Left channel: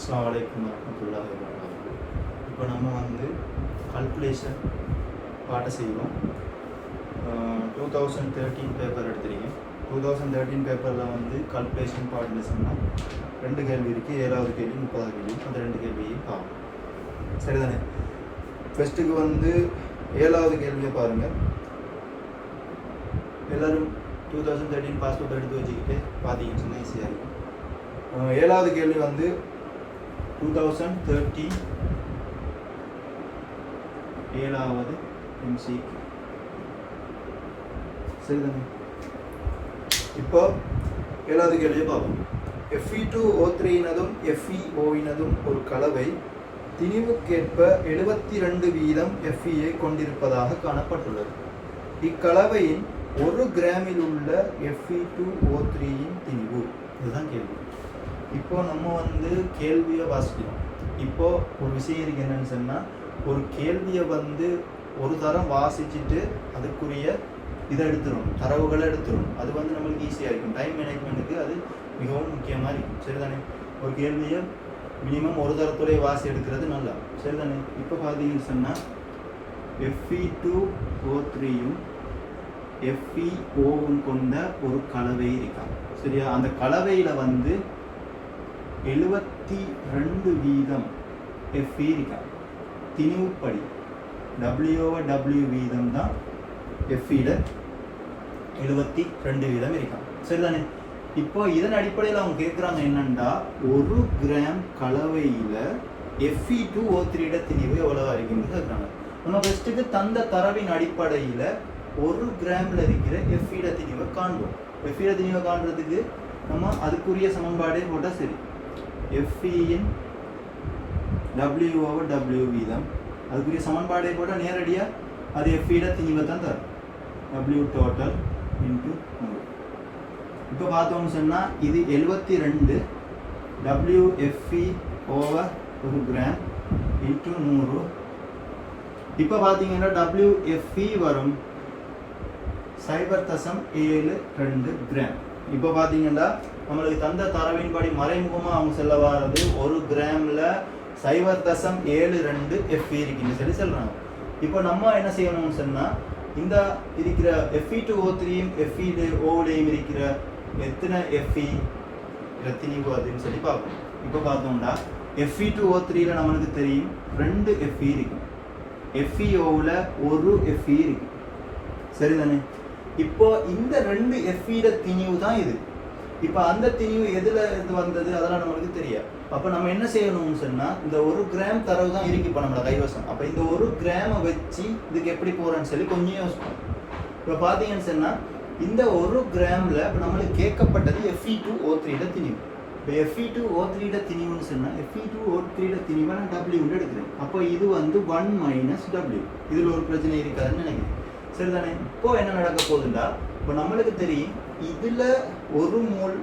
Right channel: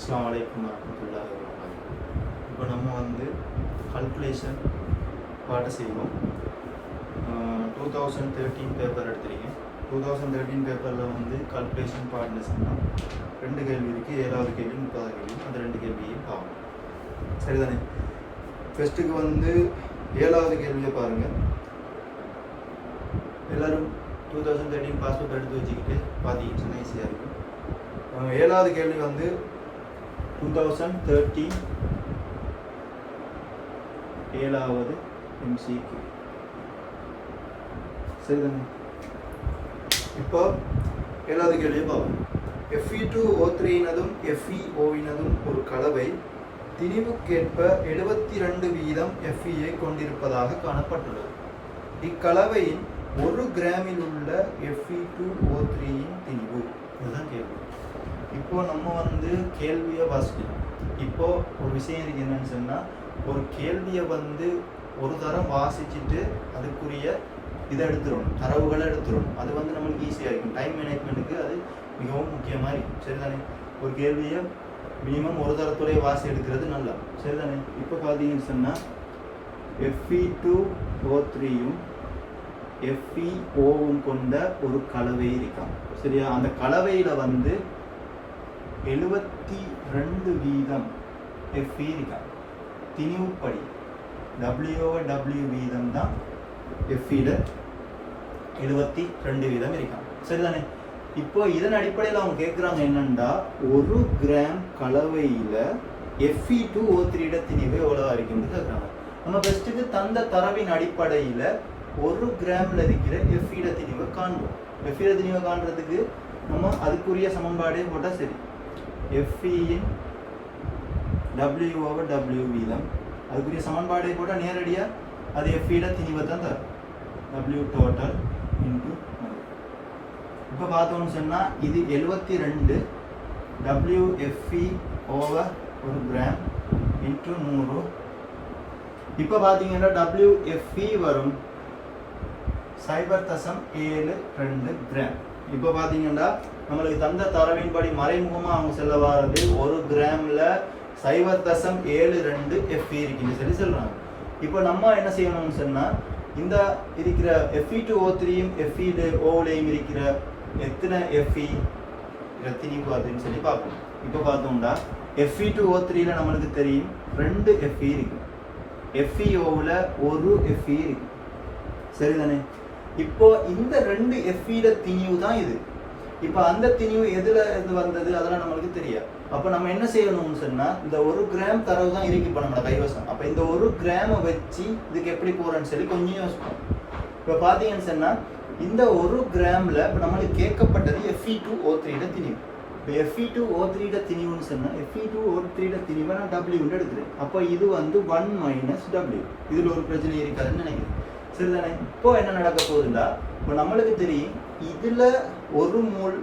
அஸ்ஸலாமு அலைக்கும் வரஹ்மத்துல்லாஹி வபரகாத்துஹு. இப்போ நம்ம கல்குலேஷன் பாட்டை செய்வோம். 2013 பேப்பர் எடுத்துருக்கேன். 2013 பேப்பரில் கல்குலேஷன் பாட்டுன்னு சொன்னால் 2 கேள்வி இருக்குது. 7வது கேள்வி 30வது கேள்வி. அந்த 2 கேள்வியும் பார்ப்போம். சரிதானே? ஃபஸ்ட்டுக்கு 7வது கேள்வியை பாருங்கள். எல்லோரும் 2013 பாஸ் பேப்பர் எடுத்து வச்சுக்கிட்டு பார்த்தீங்கன்னு சொன்னால் ஈஸியாக இருக்கும். 7வது கேள்வி 2013 7வது MCQ. சரிதானே? இப்போ 7வது கேள்வியை பார்ப்போம். Fe2O3 FeO ஒரு கலவை திணிவுக்கேற்ப 72% Fe கொண்டிருப்பதாக காணப்பட்டுள்ளது. இக்கலவையின் 1 கிராமில் உள்ள Fe2O3 திணிவு. இதுதான் கேள்வி. இப்போ நம்ம கேள்வியை வாசிக்கலாம். இப்போ ஒரு விஷயம் இருக்கு என்னன்னு சொன்னால், ஒரு கேள்வியை ஒரு தரம் வாசிச்சுட்டு அதுக்குரிய இதை எடுத்துடணும், தரவுகளை எடுத்துடணும். அது நம்மளுக்கு ஈஸியாக இருக்கும். டைம் மேனேஜ்மெண்ட்டுக்கு அது மிகவும் முக்கியமாக இருக்கும். சரிதானே? ஒரு கேள்வியை மினிமம் ஒரு தரத்துறைய வாசி எடுக்கிறது நல்லா. சரிதானே? இப்போ பார்த்தீங்கன்னு சொன்னால் Fe2O3 FeO கொண்ட ஒரு கலவை இருக்காங்க. சரியா? அந்த கலவையில் 72% Fe இருக்காங்க. திணிவுப்படி W வீதம் தான் Feல 72% இருக்காங்க. சரிதானே? இப்போ இதன் அடிப்படையில் அவங்க கேட்குறாங்க என்னன்னா, 1 கிராம் கலவையில் Fe2O3 திணிவு எவ்வளவு இருக்குன்னு கேட்குறாங்க. நம்ம ஃபர்ஸ்ட்டுக்கு தந்த தரவின் அடிப்படையில் 1 கிராமில் இருக்கிற Fe திணிவை காண்போம். Fe திணிவை காண்றதுக்கு நம்ம அதுக்குரிய சமன்பாடே போட்டால் சரி. Feயின் W வீதம் அதுக்குரிய சமன்பாடே போட்டால் நேரடியாக அது Fe திணிவை தான் தரும். W total into 100. இப்போ பார்த்தோம்னு சொன்னால் இது 72 WFE ஓவர் 1 கிராம் இன்ட்டு 100. இப்போ பார்த்தீங்கன்னா WFE வரும் 0.72 கிராம். இப்போ பார்த்தீங்கன்னா நம்மளுக்கு தந்த தரவின்படி மறைமுகமாக அவங்க செல்ல வர்றது 1 கிராமில் 0.72 Fe இருக்குன்னு சொல்கிறாங்க. இப்போ நம்ம என்ன செய்யணும்னு சொன்னால், இந்த இருக்கிற Fe2O3யும் FeOலையும் இருக்கிற எத்தனை Fe திணிவு அதுன்னு சொல்லி பார்ப்போம். இப்போ பார்த்தோம்னா Fe2O3ல நம்மளுக்கு தெரியும் 2 Fe இருக்கு. FeOவில் 1 Fe இருக்கு. சரிதானே? இப்போ இந்த 2 Fe திணிவு தான் இது. இப்போ அந்த திணிவு எதுல இருந்து வந்தது அதெல்லாம் நம்மளுக்கு தெரியாது. அப்போ நம்ம என்ன செய்யணும்னு சொன்னால், இந்த 1 கிராம் தரவு தான் இருக்கு இப்போ நம்மளோட கைவசம். அப்போ இந்த 1 கிராமை வச்சு இதுக்கு எப்படி போகிறேன்னு சொல்லி கொஞ்சம் யோசிப்போம். இப்போ பார்த்தீங்கன்னு சொன்னால், இந்த 1 கிராமில் இப்போ நம்மளுக்கு கேட்கப்பட்டது Fe2O3 திணிவு. இப்போ Fe2O3 திணிவுன்னு சொன்னால், Fe2O3 திணிவை நான் W எடுக்கிறேன். அப்போ இது 1 - W. இதில் ஒரு பிரச்சனை இருக்காதுன்னு நினைக்கிறேன். சரிதானே? இப்போ என்ன நடக்க போகுதுன்னா, இப்போ நம்மளுக்கு தெரியும் இதில் 1 மோல்,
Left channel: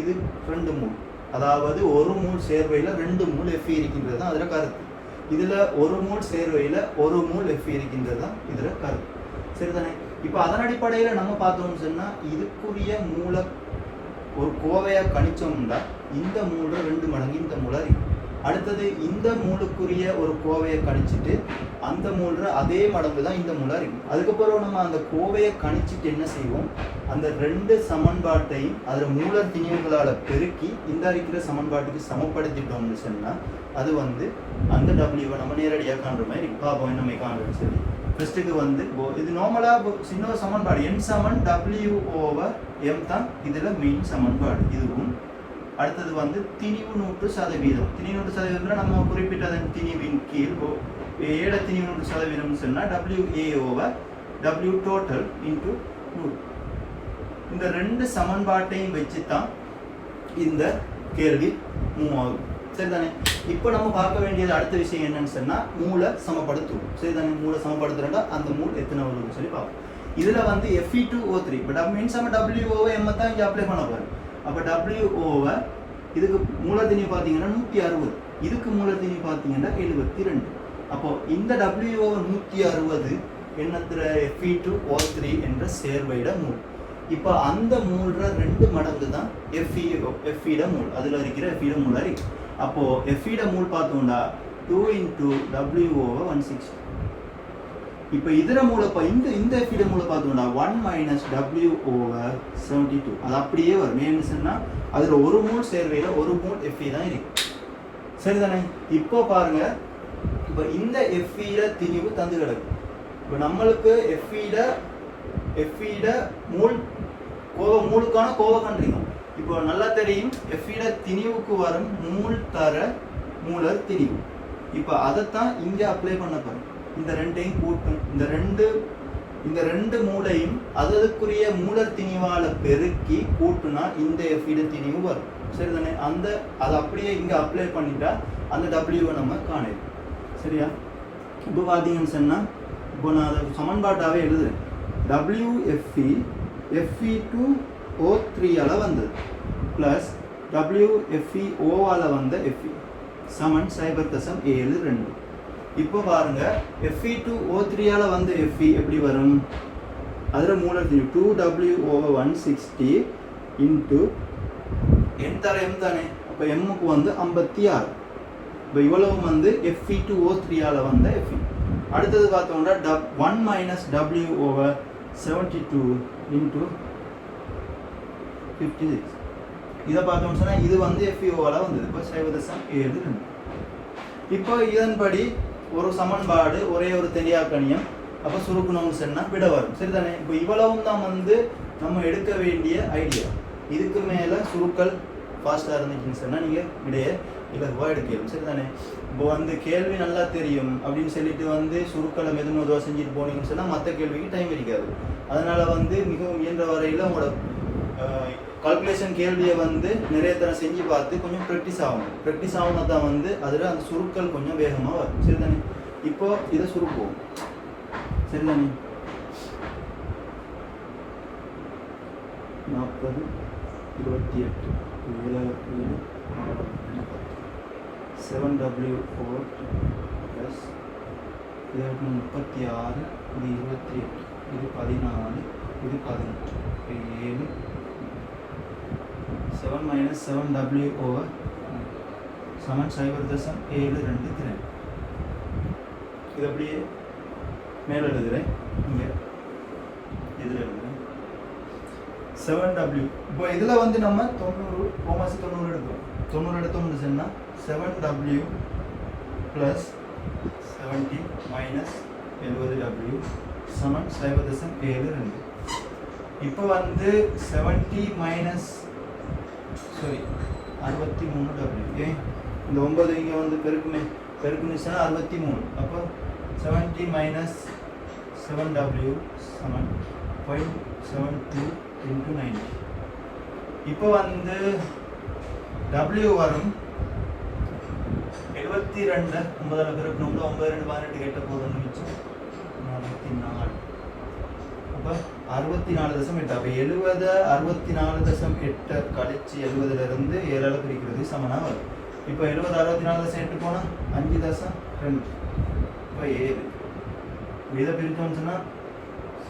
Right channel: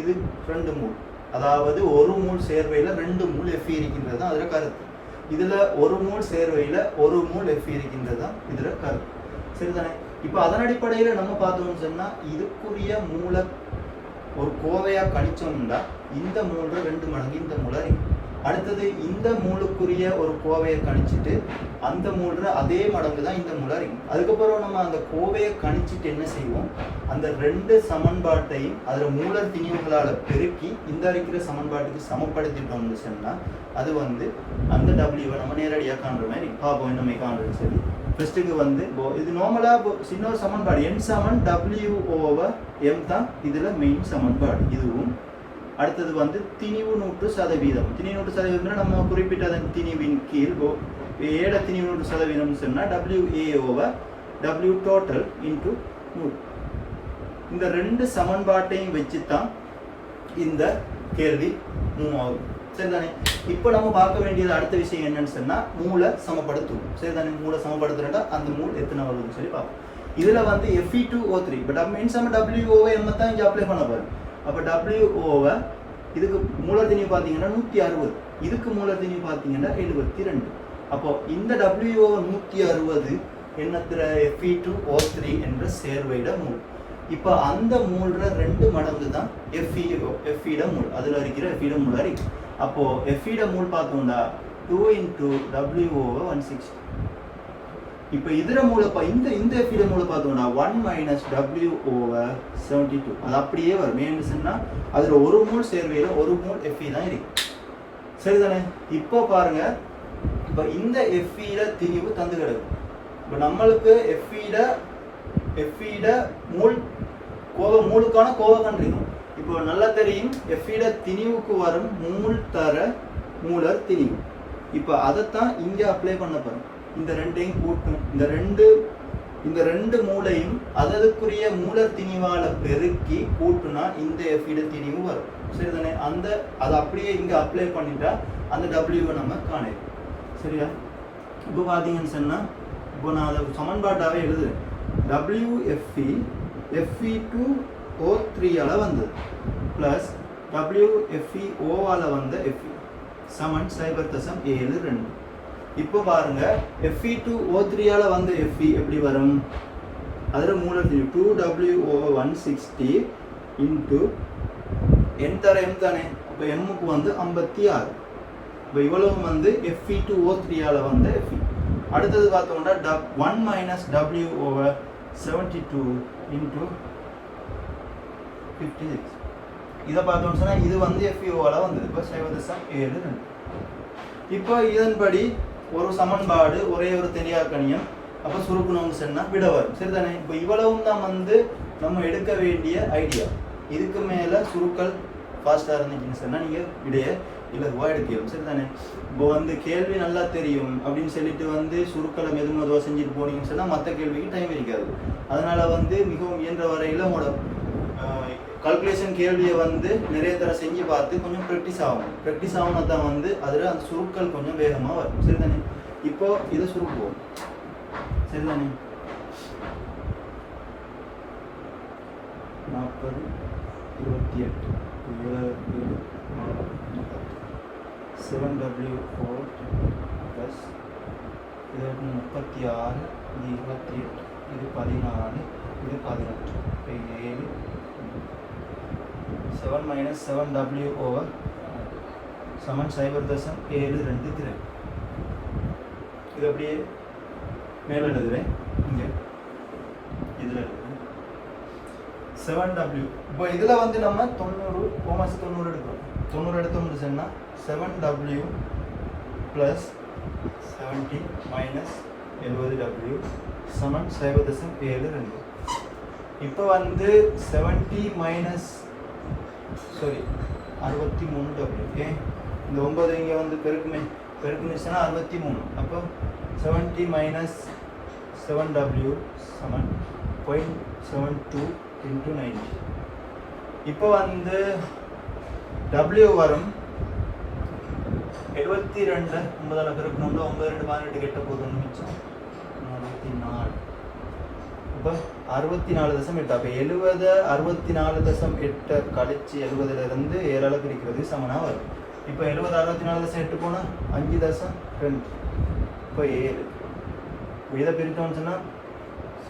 இது 2 மோல். அதாவது 1 மோல் சேர்வையில் 2 மோல் Fe இருக்கின்றது தான் அதில் கருத்து. இதில் 1 மோல் சேர்வையில் 1 மோல் Fe இருக்கின்றது தான் இதில் கருத்து. சரிதானே? இப்போ அதன் அடிப்படையில் நம்ம பார்த்தோம்னு சொன்னால், இதுக்குரிய மூளை ஒரு கோவையாக கணிச்சோம்னா இந்த மூளை 2 மடங்கு இந்த மூளை இருக்கு. அடுத்தது இந்த மூலுக்குரிய ஒரு கோவையை கணிச்சிட்டு அந்த மூல அதே மடங்கு தான் இந்த மூலா இருக்கு. அதுக்கப்புறம் நம்ம அந்த கோவையை கணிச்சிட்டு என்ன செய்வோம், அந்த 2 சமன்பாட்டையும் அதில் மூல திணிவுகளால் பெருக்கி இந்த இருக்கிற சமன்பாட்டுக்கு சமப்படுத்திட்டோம்னு சொன்னால் அது அந்த டபிள்யூவை நம்ம நேரடியாக காண்ற மாதிரி பார்ப்போம். என்ன காண்றதுன்னு சொல்லி ஃபர்ஸ்ட்டுக்கு இது நார்மலாக சின்ன சமன்பாடு N W/M தான் இதில் மெயின் சமன்பாடு. இதுவும் அடுத்தது திணிவு 100%. திணிவு 100% நம்ம குறிப்பிட்ட அதன் திணிவின் கீழ் ஏட திணிவு 100% சொன்னால் WA/W டோட்டல் இன்ட்டு 100. இந்த 2 சமன்பாட்டையும் வச்சு தான் இந்த கேள்வி மூவ் ஆகும். சரிதானே? இப்போ நம்ம பார்க்க வேண்டியது அடுத்த விஷயம் என்னன்னு சொன்னால், மூளை சமப்படுத்தும். சரிதானே? மூளை சமப்படுத்துறா அந்த மூல் எத்தனை வருதுன்னு சொல்லி பார்ப்போம். இதில் Fe2O3 இப்போ மீன்ஸ் நம்ம WO/M தான் இங்கே அப்ளை பண்ண போகிறோம். அப்போ WO இதுக்கு மூலர் திணிவு பார்த்தீங்கன்னா 160, இதுக்கு மூலர் திணிவு பார்த்தீங்கன்னா 72. அப்போ இந்த WO 160 என்னத்திர Fe2O3 என்ற சேர்வையிட மூல். இப்போ அந்த மூல்ற 2 மடங்கு தான் Fe மூல், அதில் இருக்கிற Fe மூலா இருக்கு. அப்போ Fe ட மூல் பார்த்தோம்னா 2 into W over 160. இப்போ இதர மூல இந்த Fe ட மூல பார்த்தோம்னா 1 minus W over 72. அது அப்படியே வரும். ஏன்னு சொன்னா அதுல ஒரு மோல் சேர்வையில ஒரு மோல் Fe தான் இருக்கு. சரிதானே? இப்போ பாருங்க, இப்போ இந்த Fe ட திணிவு தந்து கிடக்கு. இப்போ நம்மளுக்கு Fe ட மூல் மூலுக்கான கோவை கண்டுபிடிக்கும். இப்போ நல்லா தெரியும் Fe ட திணிவுக்கு வரும் மூல் தர மூலர் திணிவு. இப்போ அதைத்தான் இங்க அப்ளை பண்ண போறோம். இந்த ரெண்டையும் கூட்டும், இந்த ரெண்டு மூலையும் அதற்குரிய மூலர் திணிவால பெருக்கி கூட்டுனா இந்த Fe ட திணிவு வரும். சரிதானே? அதை அப்படியே இங்க அப்ளை பண்ணிட்டா அந்த W நம்ம காணலாம். சரியா? இப்போ பாத்தீங்கன்னு சொன்னா, இப்போ நான் அதை சமன்பாட்டாவே எழுதுறேன். WFE Fe2O3 வந்தது பிளஸ் WFeO வந்த Fe சமன் 0.72. இப்போ பாருங்க, Fe2O3 வந்த Fe எப்படி வரும்? அதுல மூலர் திணிவு 2W over 160 into n தர m தானே. அப்ப m க்கு வந்து 56. இப்போ இவ்வளவு வந்து Fe2O3 வந்த Fe. அடுத்தது பார்த்தோம்னா 1 minus W over 72 into 56. இதை பார்த்தோம்னு சொன்னா இது வந்து FeO வந்தது. இப்போ 0.72. இப்போ இதன்படி ஒரு சமன்பாடு ஒரே ஒரு தெரியாக்கணியம் அப்ப சுருக்கணும்னு சொன்னா விட வரும். சரிதானே? இப்போ இவ்வளவும் தான் வந்து நம்ம எடுக்க வேண்டிய ஐடியா. இதுக்கு மேல சுருக்கல் ஃபாஸ்டா இருந்துச்சுன்னு சொன்னா நீங்க விடைய இலகுவா எடுக்கலாம். சரிதானே? இப்போ வந்து கேள்வி நல்லா தெரியும் அப்படின்னு சொல்லிட்டு வந்து சுருக்களை மெதுமெதுவா செஞ்சுட்டு போனீங்கன்னு சொன்னா மற்ற கேள்விக்கு டைம் இருக்காது. அதனால வந்து மிகவும் இயன்ற வரையில உங்களோட கால்குலேஷன் கேள்வியை வந்து நிறைய தடவை செஞ்சு பார்த்து கொஞ்சம் ப்ராக்டிஸ் ஆகும்னா தான் வந்து அதில் அந்த சுருக்கள் கொஞ்சம் வேகமாக வரும். சரிதானே? இப்போ இதை சுருக்குவோம். சரிதானே? 40 28 7W4 plus 36 இது 28 இது 14 இது 18 7 7 minus 7W over சமன் 0.72. இது அப்படியே மேலே எழுதுறேன். இங்கே இதில் எழுதுறேன் 7W. இப்போ இதில் வந்து நம்ம 90 கோமாசி 90 எடுக்கிறோம். 90 எடுத்தோம்னு சொன்னால் 7W plus 70 minus 70W சமன் 0.72. இப்போ வந்து 70 minus 63W. இந்த 9 இங்கே வந்து பெருக்குனுச்சுன்னா 63. அப்போ 70 minus 7W சமன் 0.72 into 90. இப்போ வந்து W வரும் 72. 9 பெருக்கணும்ல 9 2 18 கெட்ட போகுதுன்னு நினைச்சோம். 44. அப்போ 64.8. அப்போ 70 64.8 கழிச்சு 70ல இருந்து 7 பிரிக்கிறது சமனா வரும். இப்போ 70 64.8 போனா 5.2. இப்போ 7 இதை பிரித்தோம்னு சொன்னா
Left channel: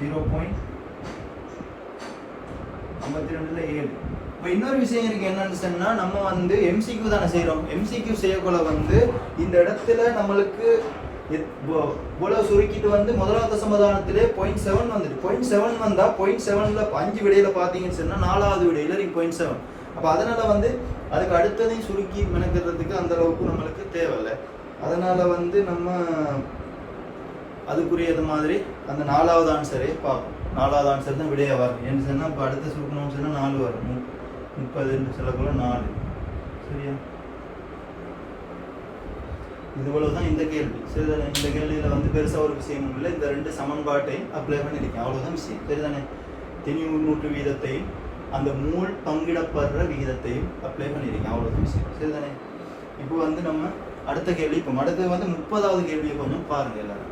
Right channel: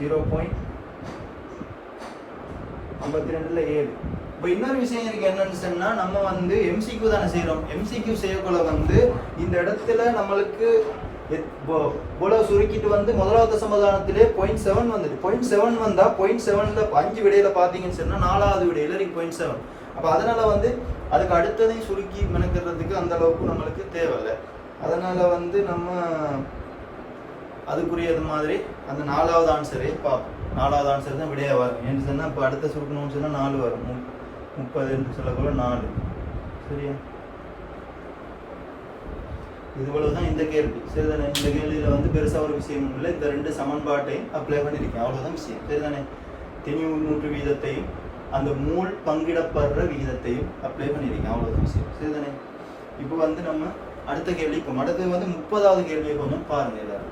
0.52ல 7. இப்போ இன்னொரு விஷயம் இருக்கு என்னன்னு சொன்னா, நம்ம வந்து MCQ தானே செய்யறோம். MCQ செய்யக்குள்ள வந்து இந்த இடத்துல நம்மளுக்கு இவ்வளவு சுருக்கிட்டு வந்து முதலாவது சமாதானத்திலே 0.7 வந்துட்டு 0.7 வந்தா 0.7ல 5 விடையில பாத்தீங்கன்னு சொன்னா 4வது விடையில நீங்க 0.7. அப்ப அதனால வந்து அதுக்கு அடுத்ததையும் சுருக்கி மெனக்கிறதுக்கு அந்த அளவுக்கு நம்மளுக்கு தேவையில்லை. அதனால வந்து நம்ம அதுக்குரியது மாதிரி அந்த 4வது ஆன்சரே பார்ப்போம். 4வது ஆன்சர் தான் விடையா வரும். ஏன்னு சொன்னா இப்போ அடுத்த சுருக்கணும்னு சொன்னா 4 வரும். 30 சொல்லக்குள்ள 4. சரியா? இதுவளவுதான் இந்த கேள்வி. சரிதானே? இந்த கேள்வியில வந்து பெருசா ஒரு விஷயம் இல்லை. இந்த 2 சமன்பாட்டையும் அப்ளை பண்ணிருக்கேன். அவ்வளவுதான் விஷயம். சரிதானே? திணிவு உட்முற்று விகிதத்தையும் அந்த மூல் பங்கிடப்படுற விகிதத்தையும் அப்ளை பண்ணிருக்கேன். அவ்வளவுதான் விஷயம். சரிதானே? இப்போ வந்து நம்ம அடுத்த கேள்வி, இப்போ அடுத்து வந்து 30வது கேள்வியை கொஞ்சம் பாருங்க எல்லாரும்.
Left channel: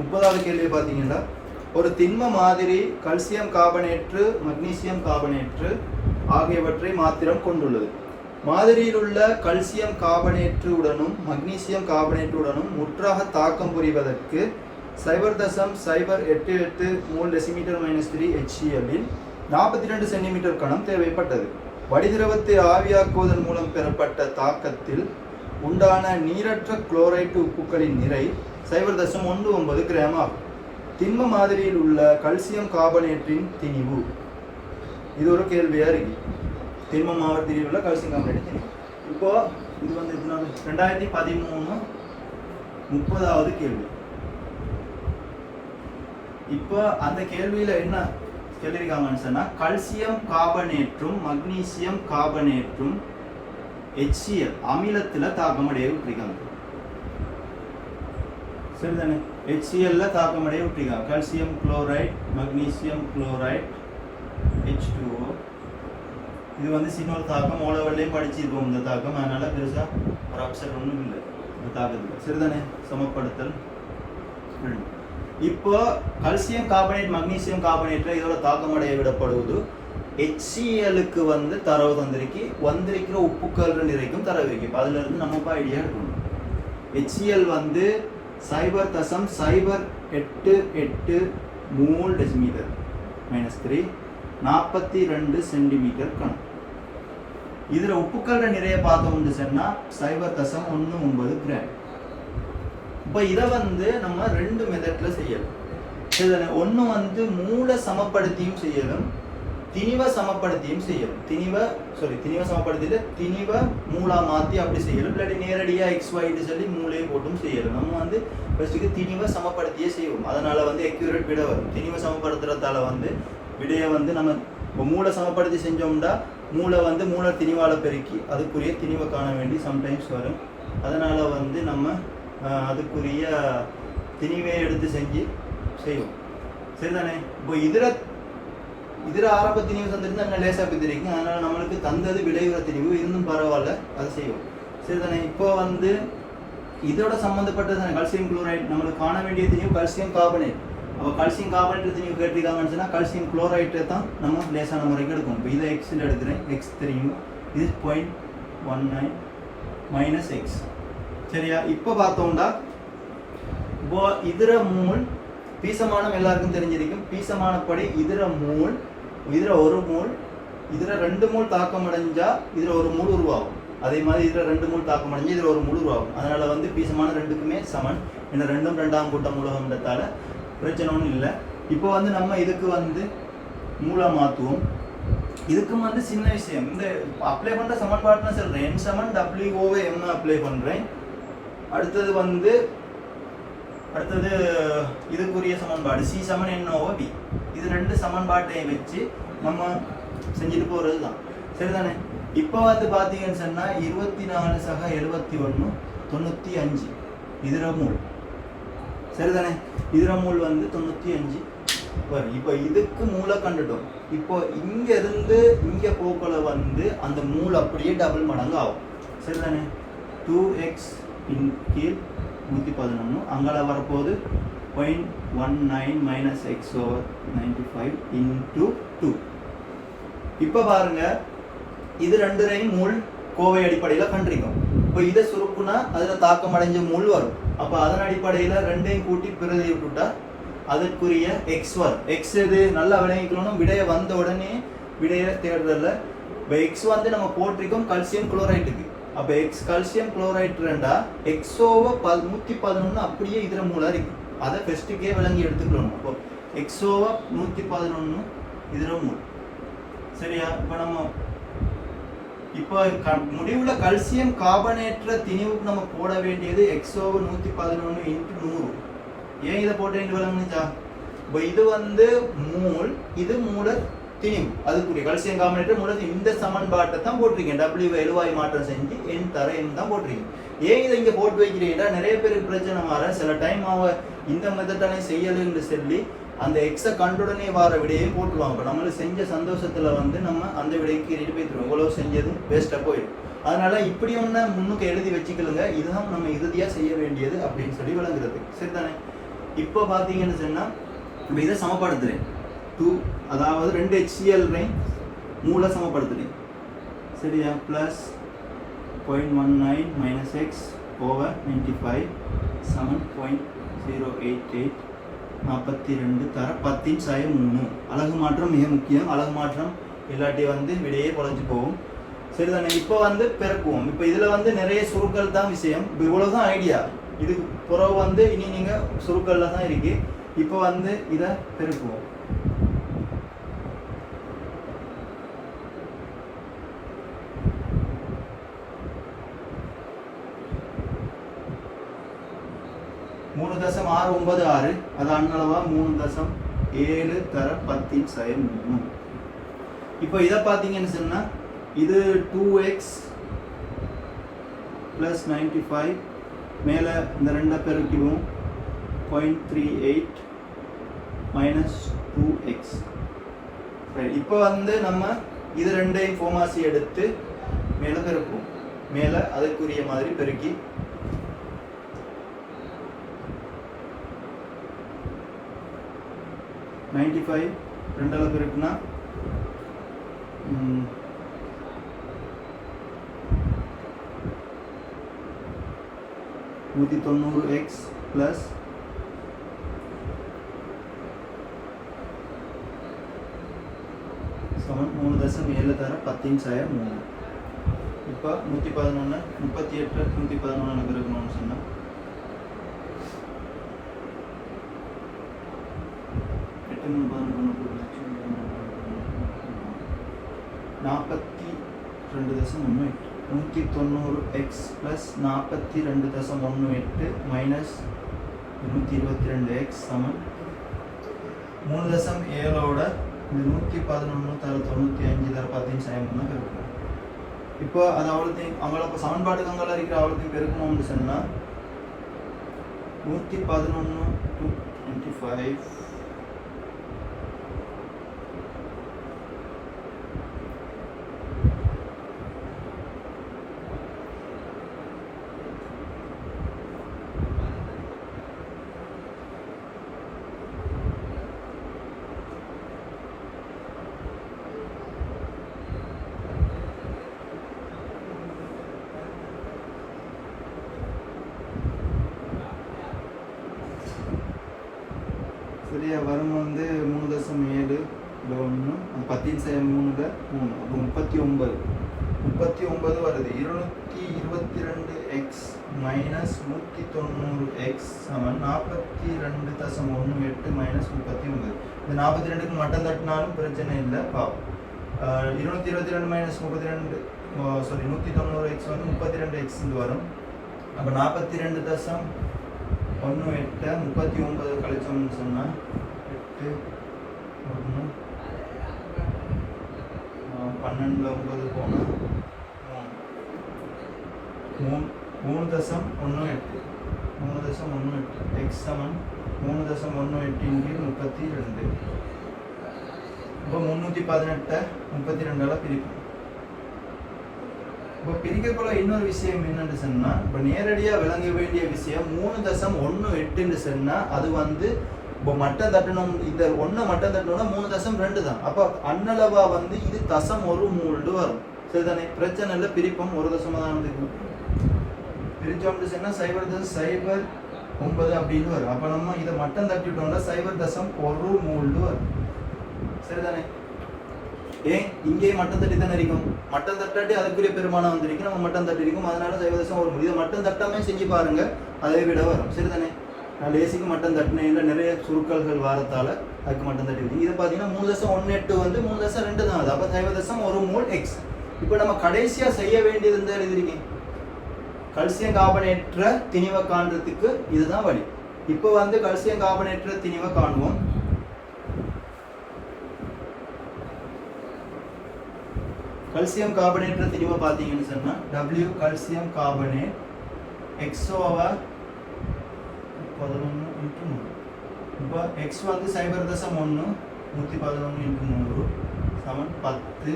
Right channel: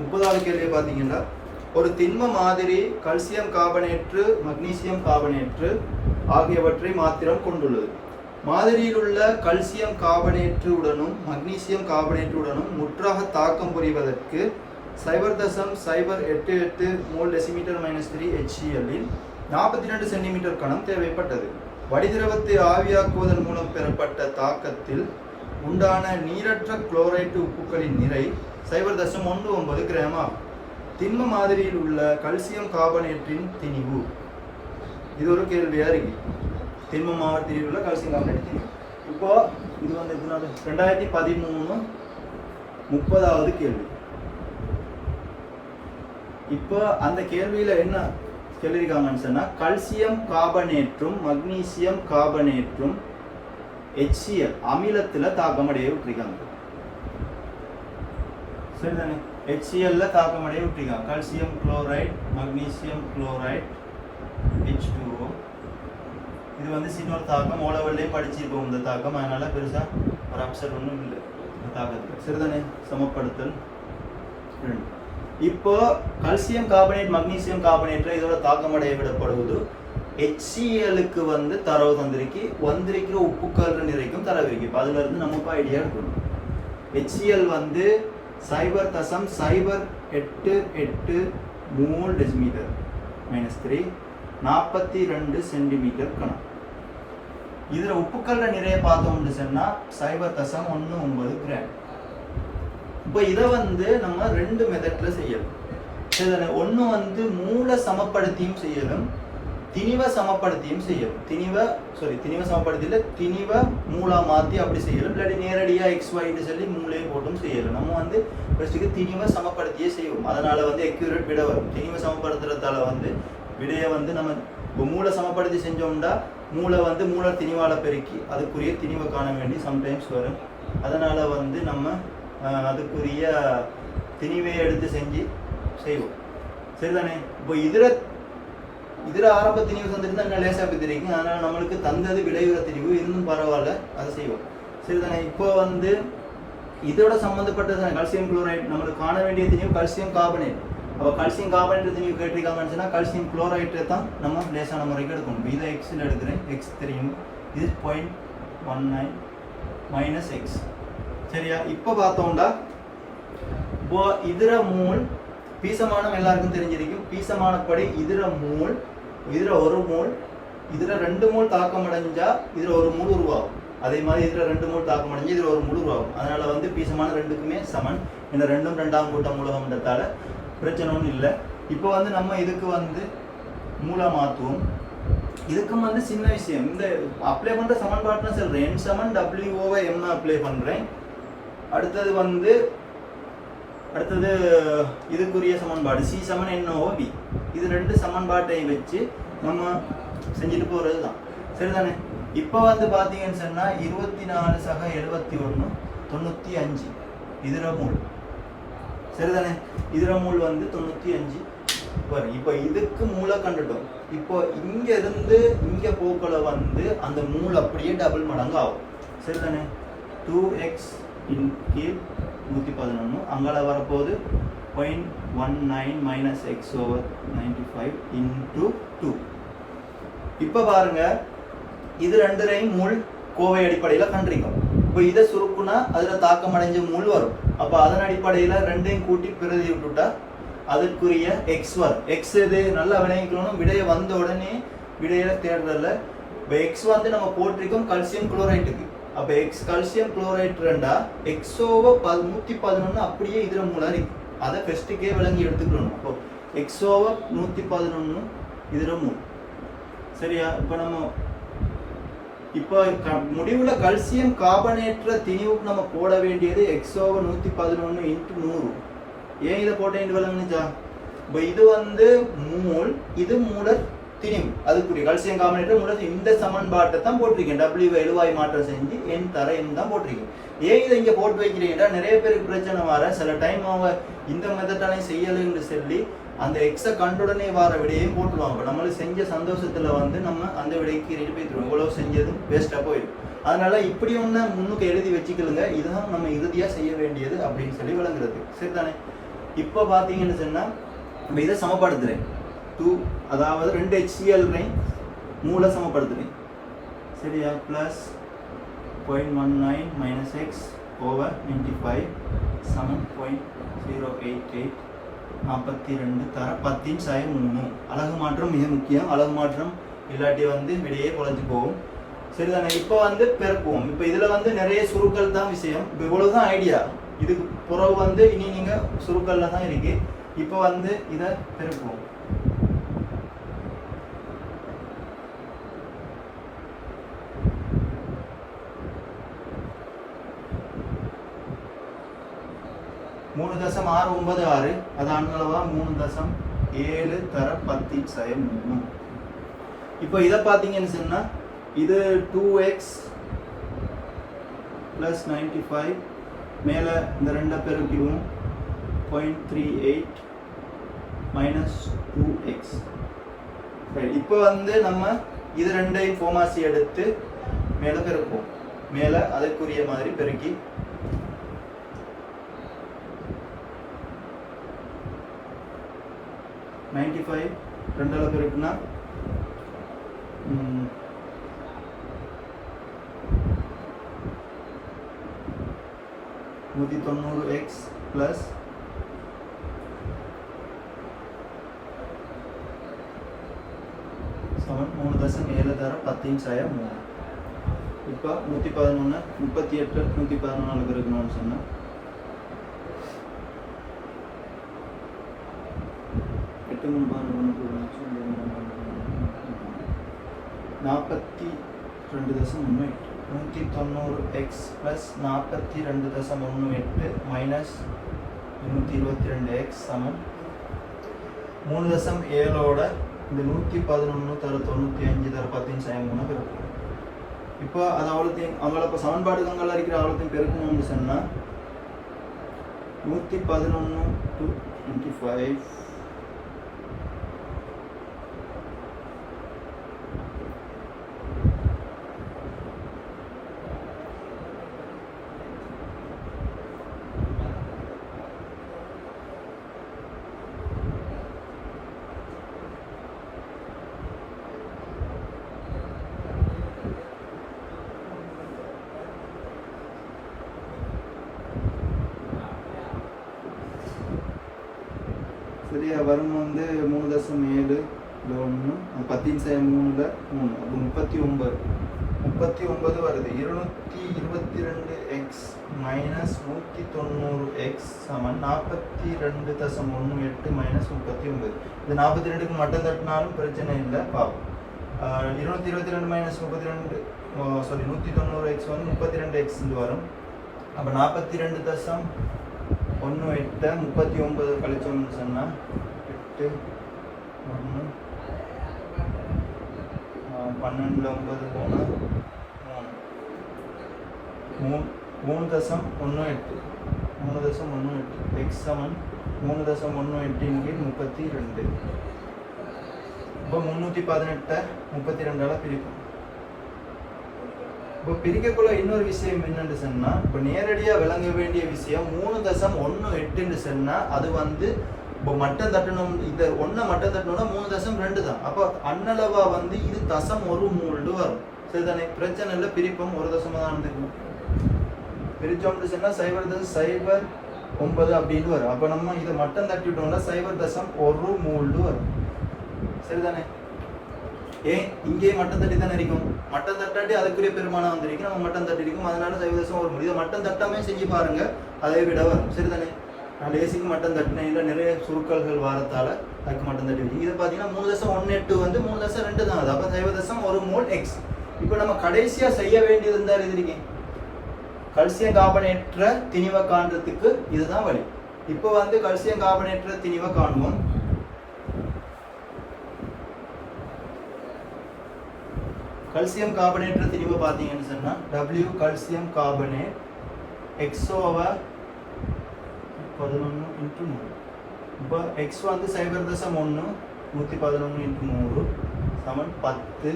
முப்பதாவது கேள்வி பார்த்தீங்கன்னா, ஒரு திண்ம மாதிரி கால்சியம் கார்பனேற்று மக்னீசியம் கார்பனேற்று ஆகியவற்றை மாத்திரம் கொண்டுள்ளது. மாதிரியில் உள்ள கல்சியம் கார்பனேற்றுடனும் மக்னீசியம் கார்பனேற்றுடனும் முற்றாக தாக்கம் புரிவதற்கு 0.088 மோல் டெசிமீட்டர் -3 HCl இல் 42 சென்டிமீட்டர் கணம் தேவைப்பட்டது. வடிதிரவத்தை ஆவியாக்குவதன் மூலம் பெறப்பட்ட தாக்கத்தில் உண்டான நீரற்ற குளோரைட்டு உப்புக்களின் நிறை 0.19 கிராம் ஆகும். திண்ம மாதிரியில் உள்ள கல்சியம் கார்பனேட்டின் திணிவு. இது ஒரு கேள்வியா இருக்கு. திண்ம மாதிரியில் உள்ள கல்சியம் கார்பனேட் திணிவு. இப்போ இது வந்து 2013 30வது கேள்வி. இப்போ அந்த கேள்வியில என்ன சொல்லியிருக்காங்கன்னு சொன்னா, கல்சியம் கார்பனேற்றும் மக்னீசியம் கார்பனேற்றும் HCl அமிலத்துல தாக்கமடைய விட்டுருக்காங்க. சரிதானே? HCl தாக்கமடைய விட்டுருக்காங்க. Calcium chloride, magnesium chloride, H2O. இது வந்து சின்ன தாக்கம், ஓலவெல்லே படிச்சிருக்கோம் இந்த தாக்கம். அதனால பெருசா ஒரு அப்செட் ஒன்றும் இல்லை இந்த தாக்கத்தில். சரிதானே? சமப்படுத்தல். இப்போ கல்சியம் கார்பனேட் மக்னீசியம் கார்பனேட் இதோட தாக்கமடைய விடப்படுவது HClக்கு வந்து தரவு வந்திருக்கிற உப்புக்கள் நிறைக்கும் தரவு இருக்கு. அதுல இருந்து நமக்கு ஐடியா எடுக்கணும். HCl வந்து 0.088 மோல் டெசிமீட்டர் -3 42 சென்டிமீட்டர் கணம். இதுல உப்புக்கள நிறைய பார்த்தோம்னு சொன்னா 0.19 கிராம். இப்போ இதை வந்து நம்ம ரெண்டு மெத்தட்ல செய்யலாம். ஒன்று வந்து மூல சமப்படுத்தியும் செய்யலாம், திணிவ சமப்படுத்தியும் செய்யலாம். திணிவ சமப்படுத்தியில திணிவ மூலா மாற்றி அப்படி செய்யலாம். இல்லாட்டி நேரடியாக XY சொல்லி மூளையை போட்டும் செய்யலாம். நம்ம வந்து ஃபர்ஸ்ட்டுக்கு திணிவ சமப்படுத்தியே செய்வோம். அதனால வந்து அக்யூரேட் விட வரும். திணிவ சமப்படுத்துறதால வந்து விடையை வந்து நம்ம மூளை சமப்படுத்தி செஞ்சோம்னா மூளை வந்து மூளை திணிவால பெருக்கி அதுக்குரிய திணிவை காண வேண்டி சம்டைம்ஸ் வரும். அதனால வந்து நம்ம அதுக்குரிய திணிவை எடுத்து செஞ்சு செய்வோம். சரிதானே? இப்போ இதர ஆரம்ப திணிவு தந்துட்டு அங்கே லேசாக தெரியும். அதனால நம்மளுக்கு தந்தது விளைவுற திணிவு இருந்தும் பரவாயில்ல, அதை செய்வோம். சரிதானே? இப்போ வந்து இதோட சம்மந்தப்பட்டது கால்சியம் குளோரைட். நம்மளுக்கு காண வேண்டிய திணிவு கால்சியம் கார்பனேட். அப்போ கால்சியம் கார்பனேட் திணிவு கேட்டிருக்காங்கன்னு சொன்னால் கால்சியம் குளோரைட்டை தான் நம்ம லேசான முறைக்கு எடுக்கணும். இப்போ இதை எக்ஸில் எடுக்கிறேன். எக்ஸ் தெரியும். இது 0.19 -x. சரியா? இப்போ பார்த்தோம்னா இப்போ இதர மூல் பீசமானம் எல்லாருக்கும் தெரிஞ்சிருக்கும். பீசமானப்படி இதர ஒரு மூல் இதுல 2 மூல் தாக்கம் அடைஞ்சா இதுல ஒரு மூல் உருவாகும். அதே மாதிரி இதுல 2 மூல் தாக்கம் அடைஞ்சா இதுல ஒரு மூல் உருவாகும். அதனால வந்து பீசமான ரெண்டுக்குமே சமன். இந்த ரெண்டும் 2ஆம் கூட்டம் மூலகம்ன்றதால பிரச்சனை ஒன்றும் இல்லை. இப்போ வந்து நம்ம இதுக்கு வந்து மூலா மாற்றுவோம். இதுக்கும் வந்து சின்ன விஷயம். இந்த அப்ளை பண்ற சமன்பாட்டுன்னு சொல்றேன். M சமன் WO/M அப்ளை பண்றேன். அடுத்தது இதுக்குரிய சமன்பாடு C சமன் NO/V. இது ரெண்டு சமன்பாட்டையும் வச்சு நம்ம செஞ்சுட்டு போறது தான். சரிதானே? இப்போ வந்து பார்த்தீங்கன்னு சொன்னா 24/71 95 இதர மூல். சரிதானே? இதர மூல் வந்து 95 வரும். இப்போ இதுக்கு மூளை கண்டுட்டோம். இப்போ இங்க இருந்து இங்க போக்குல வந்து அந்த மூல் அப்படியே டபுள் மடங்கு ஆகும். சரிதானே? 2x இன் கீழ் 111 அங்கால வரப்போது 0.19 -x/95 into 2. இப்போ பாருங்க, இது ரெண்டுரையும் மூல் கோவை அடிப்படையில் கண்டிருக்கும். இப்போ இதை சுருக்குனா அதுல தாக்கம் அடைஞ்ச மூல் வரும். அப்போ அதன் அடிப்படையில் ரெண்டையும் கூட்டி பிரதி விட்டுட்டா அதுக்குரிய எக்ஸ் வரும். எக்ஸ் இது நல்லா விளைவிக்கணும். விடைய வந்த உடனே விடைய தேடுறதுல இப்போ எக்ஸ் வந்து நம்ம போட்டிருக்கோம் கால்சியம் குளோரைட்டுக்கு. அப்போ எக்ஸ் கால்சியம் குளோரைட் ரெண்டா X/111 அப்படியே இதர மூலா இருக்கு. அதை ஃபர்ஸ்ட்டுக்கே விளங்கி எடுத்துக்கணும். அப்போ X/111 இதர மூல். சரியா? இப்போ முடிவுல கால்சியம் கார்பனேற்ற திணிவுக்கு நம்ம போட வேண்டியது X/111 × 100. ஏன் இதை போட்டேன் விளங்குச்சா? இப்போ இது வந்து மூல், இது மூல திணிவு. அதுக்குரிய கால்சியம் கார்பனேற்ற மூலத்தை இந்த சமன்பாட்டை தான் போட்டிருக்கேன். W எழுவாய் மாற்றம் செஞ்சு N தர N தான் போட்டிருக்கேன். ஏன் இதை இங்க போட்டு வைக்கிறீங்கன்னா நிறைய பேருக்கு பிரச்சனை வர சில டைம் அவங்க இந்த மெத்தடானே செய்யலைன்னு சொல்லி அந்த எக்ஸை கண்டுடனே வர விடையும் போட்டுருவாங்க. நம்மளுக்கு செஞ்ச சந்தோஷத்துல வந்து நம்ம அந்த விடைக்கு ரெடி போயிடுவோம். இவ்வளவு செஞ்சதும் வேஸ்டா போயிடும். அதனால இப்படி ஒண்ணு முன்னுக்கு எழுதி வச்சுக்கலுங்க. இதுதான் நம்ம இறுதியா செய்ய வேண்டியது அப்படின்னு சொல்லி விளங்குறது. சரிதானே? இப்போ பாத்தீங்கன்னு சொன்னா நம்ம இதை சமப்படுத்துறேன். அதாவது 2 HCl மூல சமப்படுத்துறேன். சரியா? பிளஸ் 0.19 minus x over 95 7.088 42 தர 10/3. அலகு மாற்றம் மிக முக்கியம். அலகு மாற்றம் இல்லாட்டி வந்து விடையே குறைஞ்சு போகும். சரிதானே? இப்போ வந்து பெருக்குவோம். இப்போ இதில் வந்து நிறைய சுருக்கள் தான் விஷயம். இப்போ இவ்வளோதான் ஐடியா. இதுக்கு பிறகு வந்து இனி நீங்கள் சுருக்கல்ல தான் இருக்கு. இப்போ வந்து இதை பெருக்குவோம். மூணு தசம் 696 அது அண்ணளவா 3.7 தர 10/3. இப்போ இதை பார்த்தீங்கன்னு சொன்னா இது 2x plus 95 மேலே இந்த ரெண்டை பெருக்கிடுவோம் 0.38 minus 2x. சரி, இப்போ வந்து நம்ம இது ரெண்டையும் ஃபோமாசி எடுத்து மேலே பெருக்குவோம். மேலே அதற்குரிய மாதிரி பெருக்கி 95 ரெண்டால பெருக்குனா 190x plus 3.7 தர 10/3. இப்போ 111 38 114 பெருக்கணும்னு சொன்னா 42.18 190x plus 42.18 minus 122x சமம் 3.7 இந்த 111 தர 95 தர 10/3 இருக்கும். இப்போ அது அவ்வளோத்தையும் அவங்கள சமன்பாடுக்கு அங்கெல்லாம் இருக்கிற அவ்வளோத்தையும் பெருக்கணும்னு சொன்னால் 111 to 25 சரியா வரும் வந்து 3.7 1 அது 10/3 அப்போ 39 வருது. 222x minus 190x சமம் 42.18 minus 39. இந்த 42க்கு மட்டும் தட்டினாலும் பிரச்சனை இல்லை. பாப்போம். 222 minus 32 சாரி 190x வந்து 32x வரும். அப்போ 42.18 39 கழிச்சோம்னு சொன்னால் 8 1 12 9 போனால் 3.18 x சமம் 3.18 32. இப்போ 318 32ஆல பிரிப்போம். இப்போ பிரிக்கக்குள்ள இன்னொரு விஷயம் என்னன்னு சொன்னா, இப்போ நேரடியாக விளங்க வேண்டிய விஷயம் 3.18 சொன்னா அது வந்து இப்போ மட்டம் தட்டணும். இந்த ஒன்று மட்டம் தட்டணும்னா 3.2 தான். அப்போ அன்னளவா வந்து இது 1.1 வரும். சரிதானே? பிரச்சனை இல்லை, பிரிப்போம். 1 தான் வந்து பிரிச்சோம்னு சொன்னா 0.09 அப்படின்னு வரும். அப்போ நம்ம இதை மட்டம் தட்டிட்டோம்னா 0.1 வரும். சரிதானே? ஏன் இங்கே மட்டம் தட்டி தானே இருக்கும். மட்டம் தட்டாட்டி அதுக்குரிய பெருமானம் வந்திருக்கு. நம்ம மட்டம் தட்டி இருக்கும். அதனால 0.1. இதை மட்டம் தட்டாமே செஞ்சு பாருங்க, அதை விட வரும். சரிதானே? நான் பேசிக்கு மட்டம் தட்டினேன். இல்லை நிறைய சுருக்கல்கள் வாரத்தால அதுக்கு மட்டம் தட்டி வச்சு இதை பார்த்தீங்கன்னா 3.18 வந்து 3.2 தான். அது அப்போ 0.1 எக்ஸ். இப்போ நம்ம கடைசியாக செய்ய வேண்டியது இருந்தால் எழுதிருக்கேன், கல்சியம் கார்பனேற்ற திணிவை காண்றதுக்கு இதுதான் வழி. இப்போ வந்து கல்சியம் கார்பனேற்ற திணிவை காணுவோம். கல்சியம் கார்பனேற்ற திணிவை பார்த்தீங்கன்னு சொன்னா W கல்சியம் கார்பனேட் x/11 இப்போ x வந்து 0.1 111 சமன் 10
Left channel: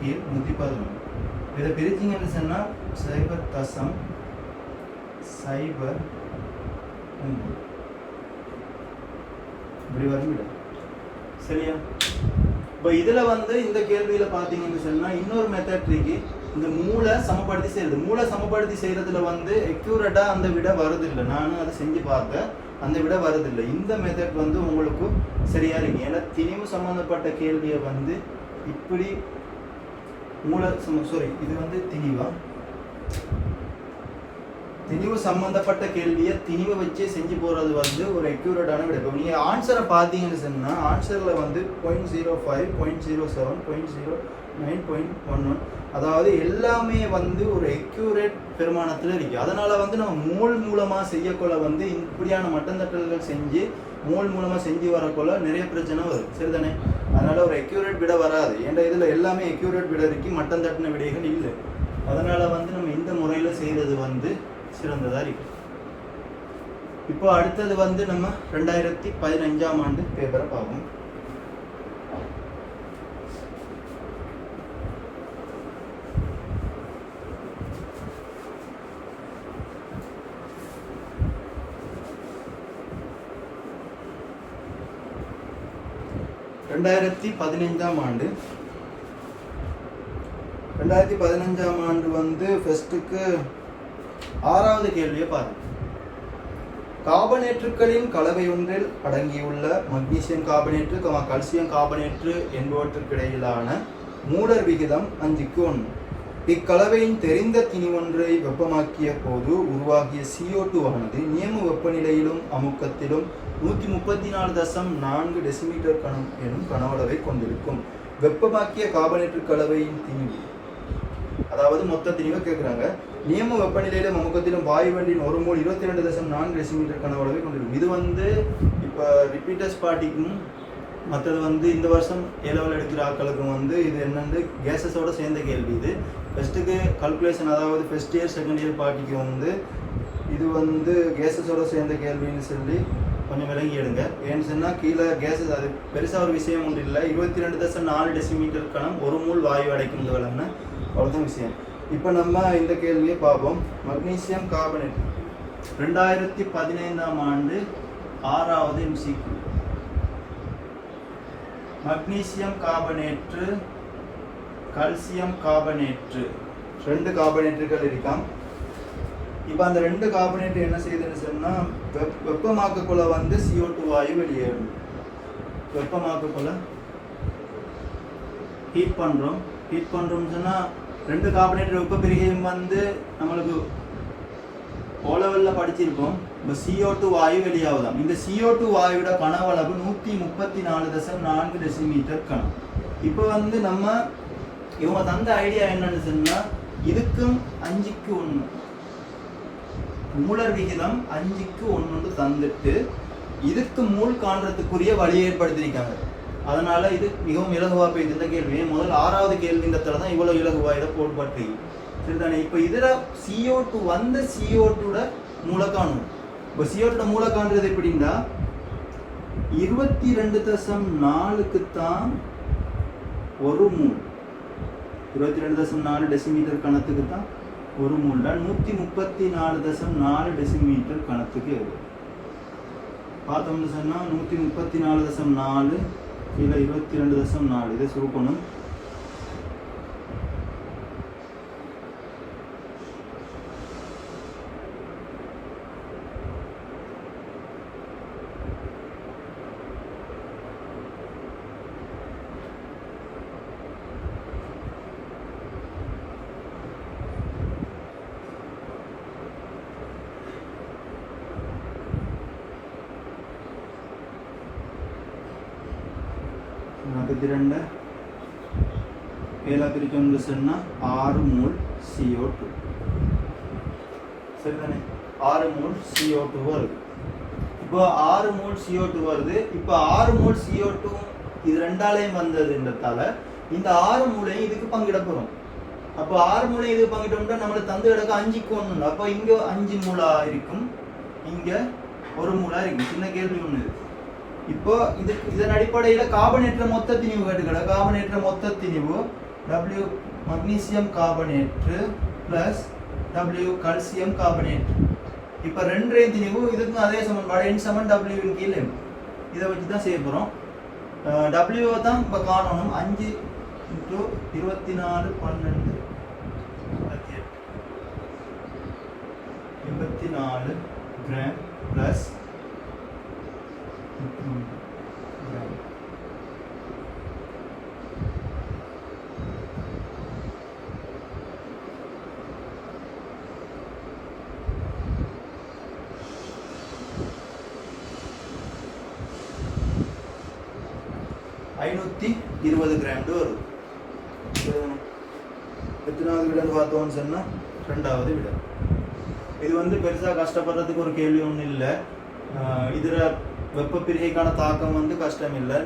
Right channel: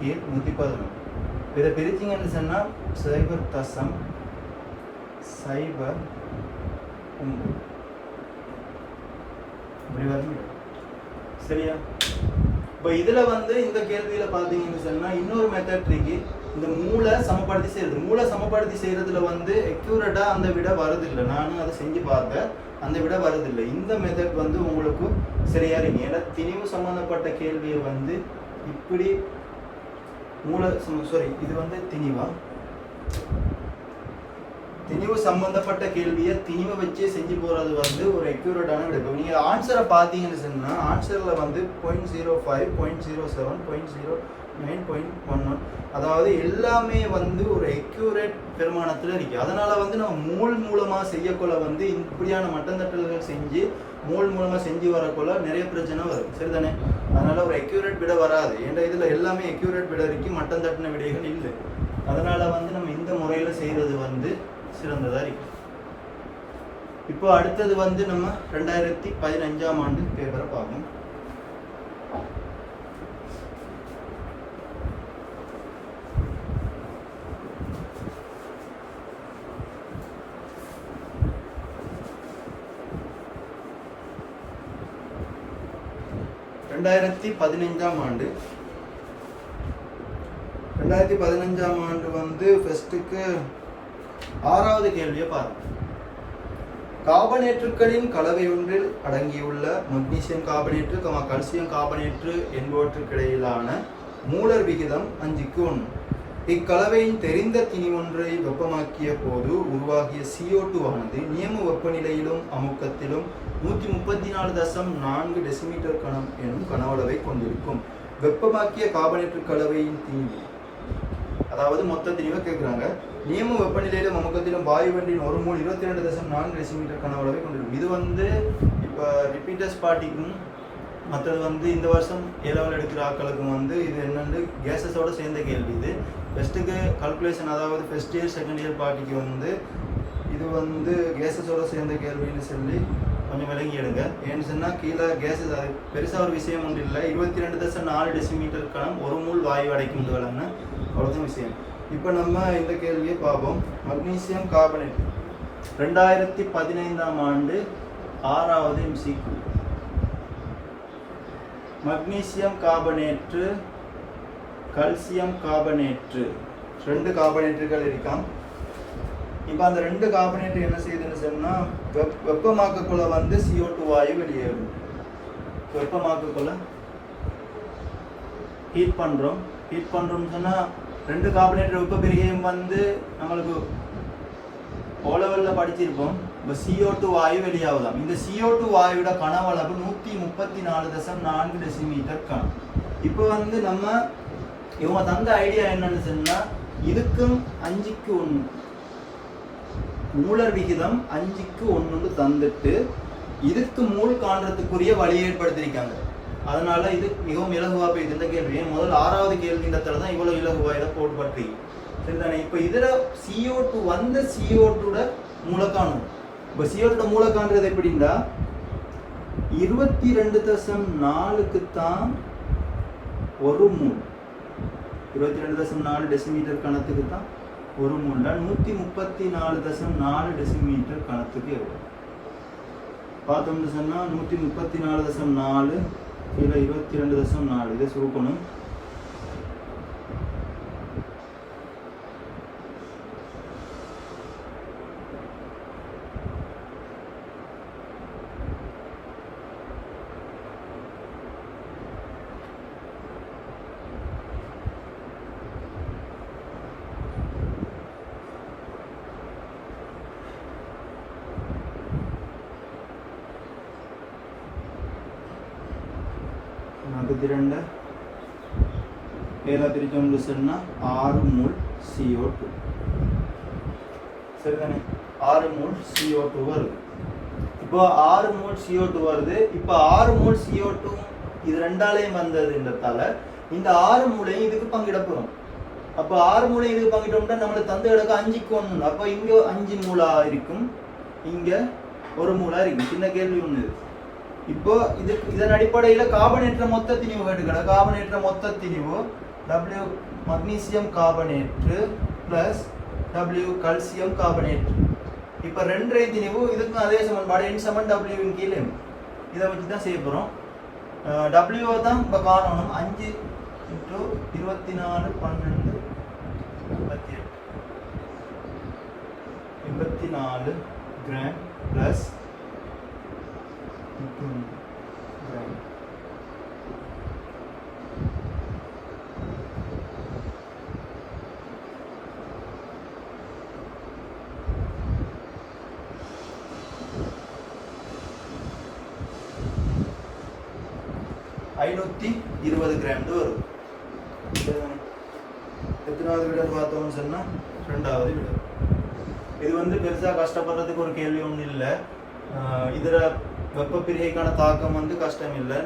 கீழ் 111. இதை பிரிச்சிங்கன்னு சொன்னா 0.03 இப்படி வந்துவிடும். சரியா? இப்போ இதுல வந்து இந்த கேள்வியில பாத்தீங்கன்னு சொன்னா இன்னொரு மெத்தட் இருக்கு. இந்த மூளை சமப்படுத்தி செய்யறது. மூளை சமப்படுத்தி செய்யறதுல வந்து அக்யூரேட்டா அந்த விட வருதில்லை. நானும் அதை செஞ்சு பார்த்தேன், அந்த விட வருதில்லை. இந்த மெத்தட் வந்து உங்களுக்கு சரியா இருக்கு. ஏன்னா திணிவு சம்பந்தப்பட்ட கேள்வியை வந்து இப்படி மூளை சாரி இது வந்து திணிவு சம்பந்தப்பட்ட கேள்வியை திணிவை வச்சே செஞ்சு போறது வந்து ஒரு அக்யூரேட்டான விட. நீங்க ஆன்சரை பார்த்தீங்கன்னு சொன்னா ஆன்சர்ல வந்து 0.05, 0.07, 0.09, 0.11 அதாவது எல்லாமே வந்து ஒரு அக்யூரேட் பெருமானத்துல இருக்கு. அதனால வந்து நம்ம மூல் மூலமா செய்யக்கொள்ள வந்து இப்படியான மட்டந்தட்டல்கள் செஞ்சு மூல் மூலமா செஞ்சு வரக்கொள்ள நிறைய பிரச்சனை வரும். சரிதானே? அதனால ஒரு அக்யூரேட் விட வராது. ஏன்னா இதுல எல்லாமே அக்யூரேட் விட இருக்கு, மட்டம் தட்டின விடைகள் இல்லை. அதனால வந்து நம்ம இந்த முறையில செய்யறது வந்து சிறந்ததா இருக்கு. இப்போ அடுத்தது வந்து நம்ம 2015ஆம் ஆண்டு பேப்பரை பார்ப்போம். ரெண்டாயிரத்தி ஆண்டு வந்து ஃபர்ஸ்ட்டுக்கு 6வது கேள்வியை பாருங்க. கார்பனேற்றுகளின் கலவை ஒன்றில் அடங்கியுள்ள மக்னீசியம் கார்பனேற்று, கல்சியம் கார்பனேற்று என்பவற்றுக்கிடையிலான மூலர் விகிதம் 5:1. இக்கலவையின் தெரிந்த திணிவொன்றை வெப்பமாக்கிய போது உருவாகிய CO2 ஆனது நியம வெப்பநிலையிலும் அமுக்கத்திலும் 134.4 டெசிமீட்டர் கணம் எனும் கனவளவை கொண்டிருக்கும். வெப்பமாக்கிய கார்பனேற்று கலவையின் திணிவு, அதாவது மொத்த திணிவை கேட்குறாங்க. நியம வெப்பநிலையிலும் அமுக்கத்திலும் வாயுவெளியின் ஒரு மோல் 22.4 டெசிமீட்டர் கனவளவை கொண்டிருக்கும். இது வந்து இப்போ ரிப்பீட்டர்ஸ் பார்ட்டிக்கும் மற்றது வந்து இந்த வருஷம் ஏலெவல் எடுக்கிற ஆக்களுக்கும் வந்து இது என்னென்னு கேஸஸோட சேர்ந்த கேள்வி. இது ஃபஸ்ட்டுக்கு கல்குலேஷன், அதாவது ஃபர்ஸ்ட் இயர் செகண்ட் இயர் பார்ட்டிக்கு வந்து இது வந்து கேஸஸோட சேர்ந்த கேள்வின்னு சொல்லி கொஞ்சம் விளங்கி எடுங்க. ஏன்னு சொன்னால் கீழே கேஸஸ் அது பெருசாக ஒரு விஷயம் ஒன்று இல்லை. 22.4 டெசிமீட்டர் கணம் ஒரு மூல் வாயு அடைக்கும் விளங்க, அவ்வளோதான் விஷயம். இப்போ நம்ம இந்த கேள்வியை பார்ப்போம். மக்னீசியம் கார்பனேட் 2015ஆம் ஆண்டு 6வது MCQ. மக்னீசியம் கார்பனேற்று, கல்சியம் கார்பனேற்று, 2 கார்பனேற்றுகள் இருக்காம். இப்போ அந்த 2 கார்பனேற்று என்ன செய்யுதுன்னு சொன்னால் வெப்பமாக்கக்குள்ள வந்து CO2 வாயு வெளியேறும். வெப்பமாக்கக்குள்ள ஹீட் பண்ணுறோம்னு சொன்னால் 2 கார்பனேற்று வெப்ப பிரிகையும் வந்து நம்மளுக்கு ஓலவெல்ல படிச்சிருப்போம். இப்போ CO2 வாயு வெளியாகுதாம். இந்த CO2 வாயுவோட கனவளவு 134.4 டெசிமீட்டர் கணம். இப்போ வந்து நம்ம இவங்க தந்த ஐடியா என்னன்னு சொன்னா இதுக்கும் 5:1 மூலர் விகிதம் 5:1 தந்துட்டு இதுக்கு மூல் காண்றதுக்குரிய வழி ஏற்படுத்திருக்காங்க. அதனால இது மிகவும் இலகுவா போய் இந்த கேள்வி முதல் 6வது கேள்வி இந்த தான் இவ்வளவு இலகுவா இதை போட்டு சரிதானே. இப்போ இதுல CO2 வந்து CO2 மூல காணும். இப்போ CO2 மூல காண்றது எப்படின்னா 22.4க்கு தான் ஒரு மூல், 22.4 டெசிமீட்டர் கணத்துக்கு தான் ஒரு மூல்ல 134.4 டெசிமீட்டர் கணத்துக்கு எவ்வளோ பார்த்தோம்னு சொன்னா 134.4 கீழே 22.4 இதை சுருக்கணும். ரெண்டு ஏழா பிரிச்சோம்னு சொன்னா 6 மூல் CO2 சரிதானே. 6 மூல் CO2 வருது. இப்போ 6 மூல் CO2 வருது. இப்போ 6 மூல் CO2 இது ரெண்டாலையும் வந்ததுன்றதால இந்த 6 மூலையும் இதுக்கு பங்கிட போறோம். அப்போ 6 மூலையும் இதுக்கு பங்கிட்டோம்னா நம்மள தந்த இடக்கு 5:1. அப்போ இங்க 5 மூலா இருக்கும், இங்க ஒரு மூலா இருக்கும். சின்ன கேள்வி ஒண்ணு. இப்போ இதன் அடிப்படையில் கார்பனேற்ற மொத்த திணிவு கேட்டுக்கிற கார்பனேற்ற மொத்த திணிவு W மக்னீசியம் கார்பனேற்று பிளஸ் W கல்சியம் கார்பனேற்று. இப்போ 2 திணிவு இதுக்கும் அதே சமன்பாடு N = W இன் கீழே இதை வச்சு தான் செய்ய போகிறோம். W தான் இப்போ காரணம் 5 × 24 12 14 கிராம் ப்ளஸ் 520 கிராம் வருது. எத்தனாவது விட பார்த்தோம்னு சொன்னா ரெண்டாவது விட. இது வந்து பெருசா கஷ்டப்படுறதுக்கு ஒரு கேள்வி ஒன்றும் இல்லை. இதுல வெப்ப பிரிகைக்கான தாக்கம் வந்து கஷ்டம் இல்லை.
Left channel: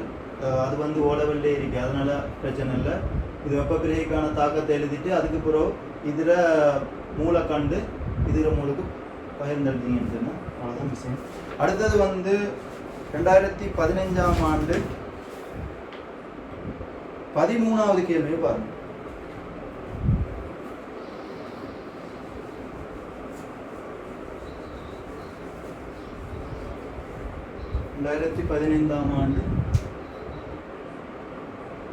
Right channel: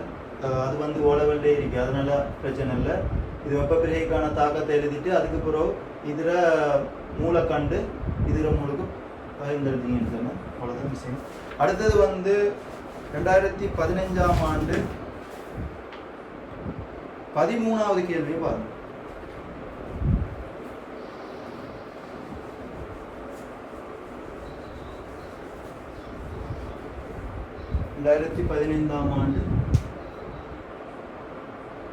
அது வந்து ஓலவெல்லே இருக்கு, அதனால பிரச்சனை இல்லை. இது வெப்ப பிரிகைக்கான தாக்கத்தை எழுதிட்டு அதுக்கு பிறகு இதுல மூளை கண்டு இதுல மூளைக்கு பகிர்ந்தெடுத்தீங்கன்னு சொன்னா அவ்வளோதான் விஷயம். அடுத்தது வந்து 2015ஆம் ஆண்டு 13வது கேள்வியை பாருங்க. ரெண்டாயிரத்தி 15ஆம் ஆண்டு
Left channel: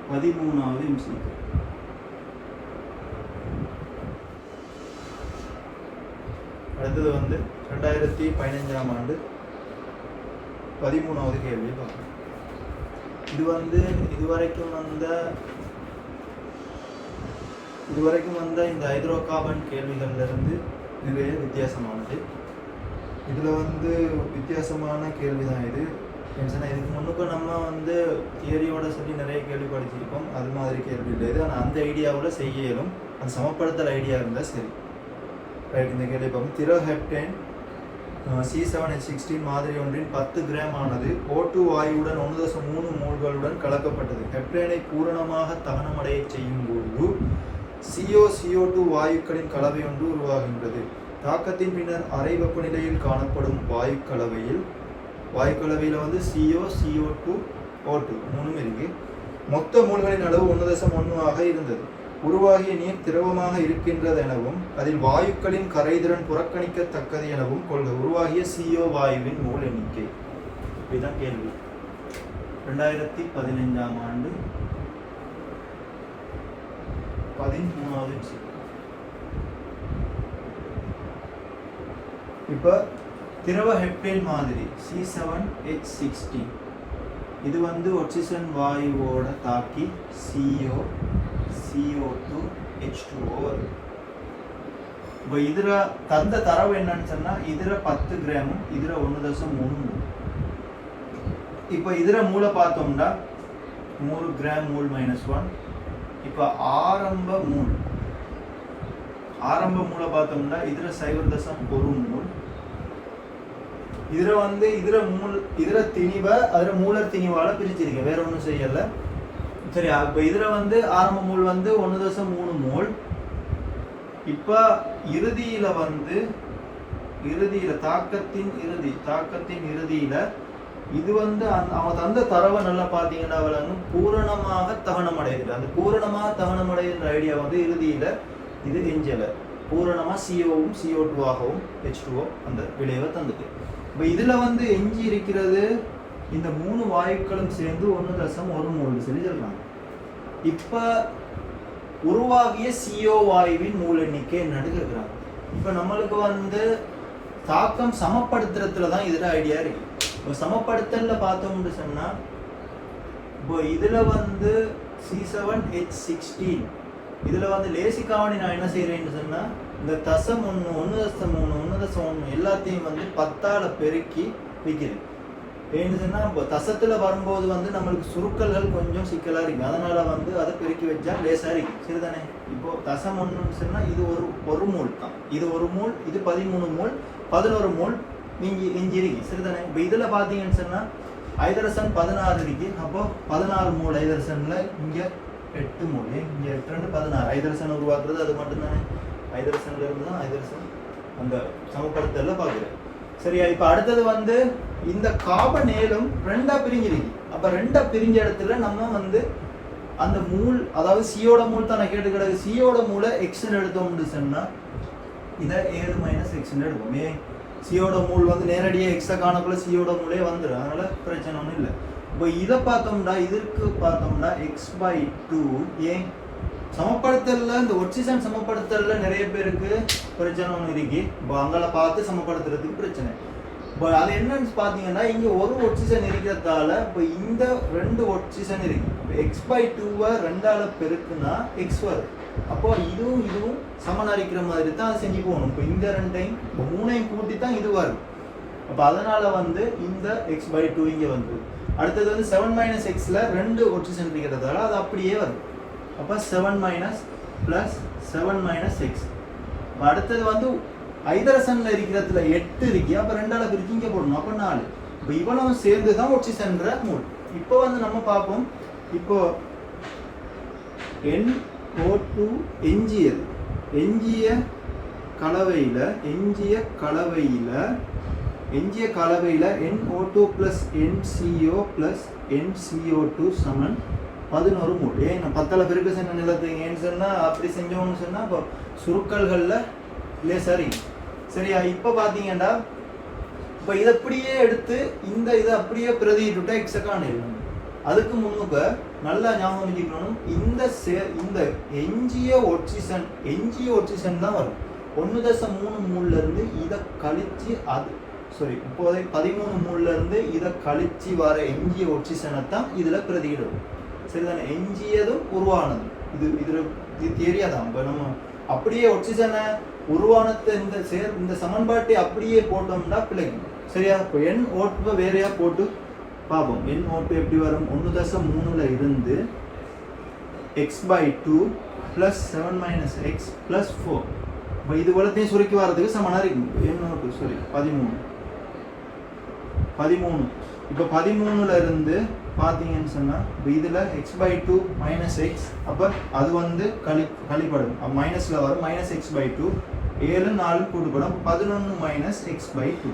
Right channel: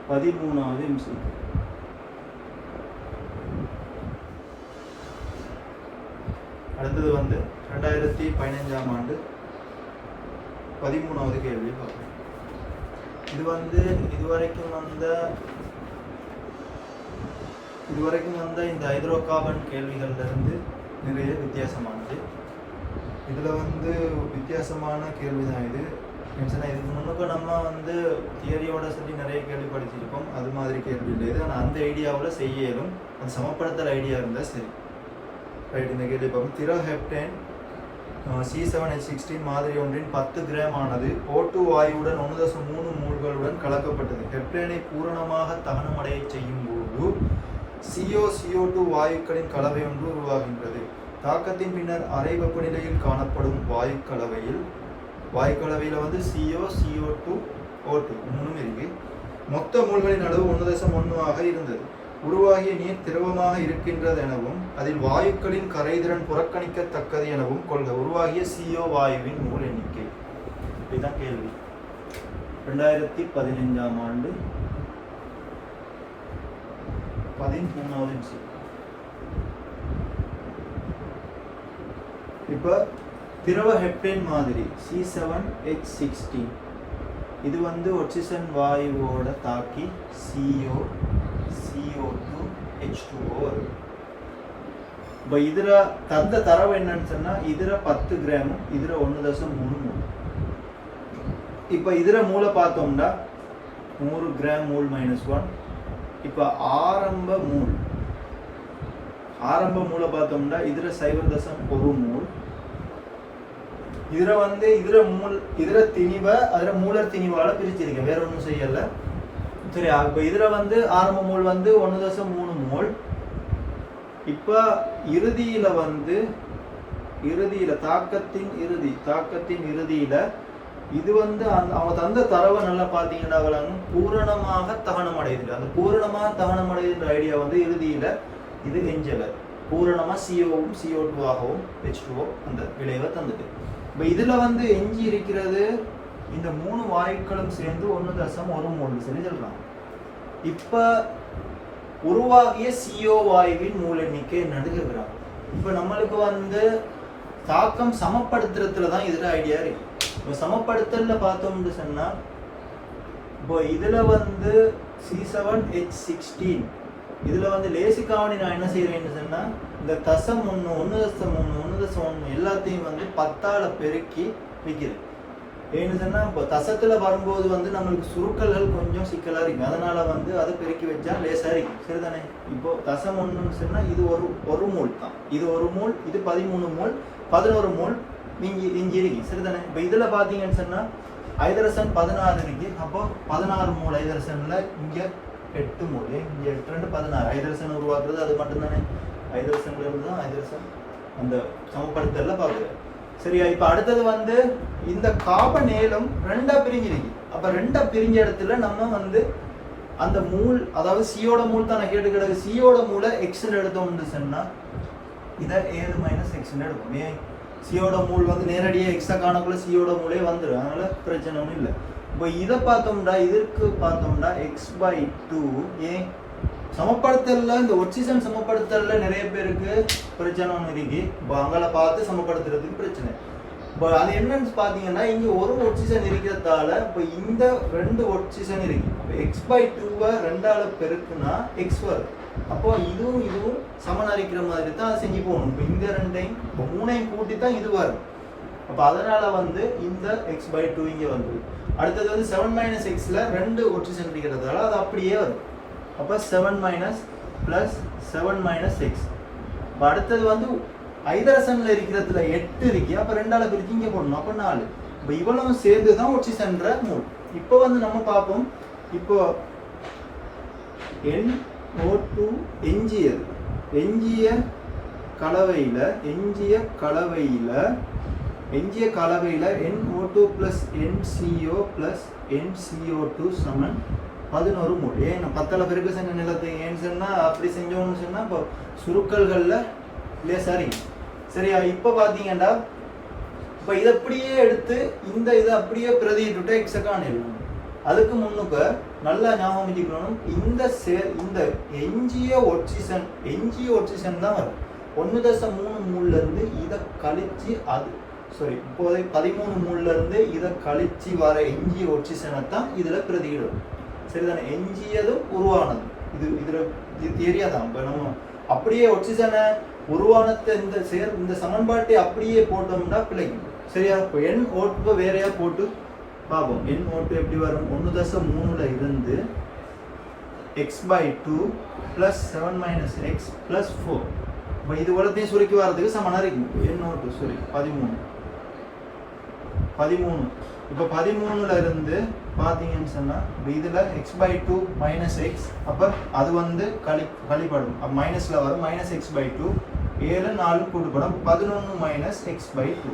13வது எம்சி. அடுத்தது வந்து 2015ஆம் ஆண்டு 13வது கேள்வியை பார்க்கணும். இது வந்து இதுவரைக்கும் வந்த இந்த ஹைட்ரோ கார்பன் கேள்விகள்ல இருந்து நிறைய வித்தியாசமானது. இதுல வந்து வித்தியாசமான கேள்விதான் இது. இதுக்கு முன்னுக்கு நம்ம வந்து தியரியோட சொல்லி நிறைய கேள்வி படிச்சிருக்கோம், அது மாதிரி கேள்வி இல்லை இது. ஆனால் அந்த ஐடியாவில் செய்ய இயலும், அது சமப்படுத்தல் ஐடியா இருந்தால் சரி. ரைட், இந்த கேள்வி பார்ப்போம். திரவ ஹெப்டேன் C7H16 மாதிரி ஒன்றின் 10 கிராம் ஆனது O2 வாயுவுடன் 1.3 மோல்களுடன் கலக்கப்பட்டது. ஹெப்டேனை பூரணமாக தகனமடைய செய்யும் போது CO2 வாயுக்களின் கலவை ஒன்று உருவாகின்றது. தாக்கத்தின் பின்னர் அறை வெப்பநிலையில் காணப்படும் வாயுக்கலவையில் வந்து CO, CO2, O2 மூணும் இருக்கு. மொத்த மோல்களின் அளவு 1.1 ஆக இருந்தது. உருவாகிய நீர் திரவமாக இருக்கின்றது எனவும் அதில் வாயுக்களின் கரைதிறன் புறக்கணிக்கத்தக்கது எனவும் கொள்க. உருவாகிய CO வாயுவின் மோல் எண்ணிக்கை. இதுதான் கேள்வி. 2015ஆம் ஆண்டு 13வது எம்சி. இப்போ திரவ ஹெப்டேன் மாதிரி C7H16 இது வந்து ஆக்சிஜன் வாயுவோட தாக்கி CO, CO2, H2O வருது. இப்போ இதில் தந்த தரவு என்னன்னு சொன்னால் இதில் 10 கிராமும் இதில் 1.3. இப்போ இதில் மூளை பார்த்தோம்னா 100 கிராம் மூல் -1. இப்போ ஆரம்ப மூளை பார்த்தோம்னா இதில் 0.1 மூல். இதில் வந்து இதில் திணிவை அதில் மூலர் திணிவால பிரிச்சிருக்கேன், வேற ஒன்றும் செய்யலை. சரி, இப்போ இதில் வந்து ஆரம்ப மூல் வந்து 1.3 மூல். இப்போ இறுதியில் தாக்கத்தின் இறுதியில் இது வந்து அவங்க தந்த தரவை நல்லா பார்த்தீங்கன்னா விளங்கும், பூரணமாக தகனம் அடையுது. அந்த பூரணமாக தகனம் அடையுதுன்ற ஐடியா வந்து இறுதியில் இது எஞ்சலை பூரணமாக CO-வும் CO2 ஆகவும் H2O அந்த விளைவை தந்துட்டு. இப்போ இதில் வந்து எஞ்சி இருக்கிறது இந்த 3 வாயுக்களும் சேர்ந்து 1.1 மூல் செஞ்சிடலாம். இப்போ உருவாகிய CO வாயுவின் மூல் எண்ணிக்கை என்னன்னு கேட்குறாங்க. இப்போ நம்மளுக்கு வந்து தாக்கம் சமப்படுத்துறதுல தான் இதில் ஐடியா இருக்கு. இப்போ சமப்படுத்தல பார்த்தோம்னு சொன்னா இப்போ இதுல வந்து C7H16 இதுல வந்து லேசிக்காவணி நான் என்ன செய்யறேன்னு சொன்னா இந்த தசம் 1.3 எல்லாத்தையும் வந்து 10ஆல பெருக்கி வைக்கிறேன். ஏன்னு சொன்னா இப்போ தசத்துல வரும்போது வந்து நம்மளுக்கு சுருக்கல்கள் கொஞ்சம் சிக்கலா இருக்கு, அதனால வந்து அதை பெருக்கி வச்சா லேசா இருக்கு, சரிதானே? இப்போ தசம் 1 சொன்னா இது ஒரு மூல் தான், இது 1 மூல், இது 13 மூல், 11 மூல் இஞ்சி இருக்கு, சரிதானே? இப்போ இதுல பாத்தீங்கன்னு சொன்னா ஐதரசன் 16 இருக்கு. அப்போ 16 மூல் ஐதரசன்ல இங்க 8 மூல், இங்க 8 16 ஐதரசன் உருவாக்குறது அது மட்டும் தானே. ஐதரசன்ல இருந்து தான் ஐதரசன் அந்த சமப்படுத்தல பாக்குறது. சரியா? இப்ப அடுத்தது வந்து இந்த கார்பன் ஏலம் 2ஆ பிரிஞ்சிருக்கு. அப்ப 2ஆ பிரிஞ்ச இடத்துல நம்ம வந்து அந்த மூல், அதாவது சியோட மூல் தானே கேட்டு கிடக்கு, சியோட மூலை எக்ஸ்ன்னு எடுத்தோம்னு சொன்னா இதை 7 - x எடுக்கும். சியோட மூல் வந்து நேரடியாக எக்ஸா காணக்குள்ள சியோட மூலே வந்துடும், அதனால பிரச்சனை ஒன்றும் இல்லை. இப்போ இதை பார்த்தோம்னா இதற்கு பார்த்தோம்னா x/2 ஏன் சமப்படுத்தல இந்த ஒட்சிசன் சமப்படுத்தல நிறைய பேருக்கு பிரச்சனை ஒன்று இருக்கு. இப்போ அங்கே பார்த்து சமப்படுத்துறதுக்கு பிரச்சனை. இப்போ அது என்னன்னு பார்த்தீங்கன்னா இங்கே ஒரு ஒட்சிசன் இருக்கிறதால இப்போ இந்த 2 ஒட்சிசன் இருக்கு. இப்போ x/2 2ஆல பெருக்குனா x வரும். அப்போ இதுவும் சமன் அரிக்கிற மாதிரி தான் அதை செஞ்சு போகணும். இப்போ இந்த 2ஐயும் இப்போ 3ஐயும் கூட்டி தான் இது வரும். அப்போ அதனால இந்த x/2 இங்கே வந்து அடுத்தது 7 - xல 2 ஒட்சிசன் இருக்கிறதால அது அப்படியே வரும். அப்போ 7 + 7 - x. இப்போ அடுத்தது ஐதரசன்ல இருக்கிறதுல 8 இருக்கு. அப்போ 2ஆல பிரிச்சு இங்கே போடணும். அப்போ 4. இப்போ இவ்வளவும் சேர்ந்து தான் ஒட்சிசன்ற மூல். இப்போ நம்ம பார்ப்போம். இப்போ NO2 எஞ்சிய கலவையில NO2 + NCO + NCO2 சமன் 11 மோல். நான் 10ஆல பெருக்க சொன்ன நிலத்தை ஏன்னு சொன்னா அப்படி செஞ்சோம்னு சொன்னா இப்போ சுருக்கல்கள்ல சரி சரியா. இப்போ பார்த்தீங்கன்னா இப்போ இதை அப்படியே எடுத்து இதை அப்படியே பிரதியிட்டு எக்ஸக்கான இல்லை. அதுக்கு முன்னுக்கு நல்லா ஞாபகம் வச்சுக்கணும். இந்த எஞ்சிய ஒட்சிசன் தான் வரும். 1.3 மூல்ல இருந்து இதை கழிச்சு இப்போதை 13 மூல்ல இருந்து இதை கழிச்சு வர எஞ்சிய ஒட்சிசனை தான் இதுல பிரதியிடும். சரிதானே? எஞ்சியதும் உருவானது இது தெரியாதான். இப்போ நம்ம அப்படியே ஒட்சிசனை உருவானத்தை இந்த சமன்பாட்டை அப்படியே போட்டோம்னா பிழைக்கும். சரியா? இப்போ NO2 வேறையா போட்டு பார்ப்போம். NO2 எப்படி வரும்? 1.3ல இருந்து x/2 + 7 - x + 4. இப்போ இது உலகத்தையும் சுருக்கி வர்றதுக்கு சமனா இருக்கும். NO2 13. இப்போ 13ல இருந்து பார்த்தீங்கன்னு சொன்னா இப்போ இதுல x/2 - x. அப்போ அது கழிப்படும். மைனஸ்ல வரும். -x/2 7 4 கூட்டுப்படும். 11 - x/2.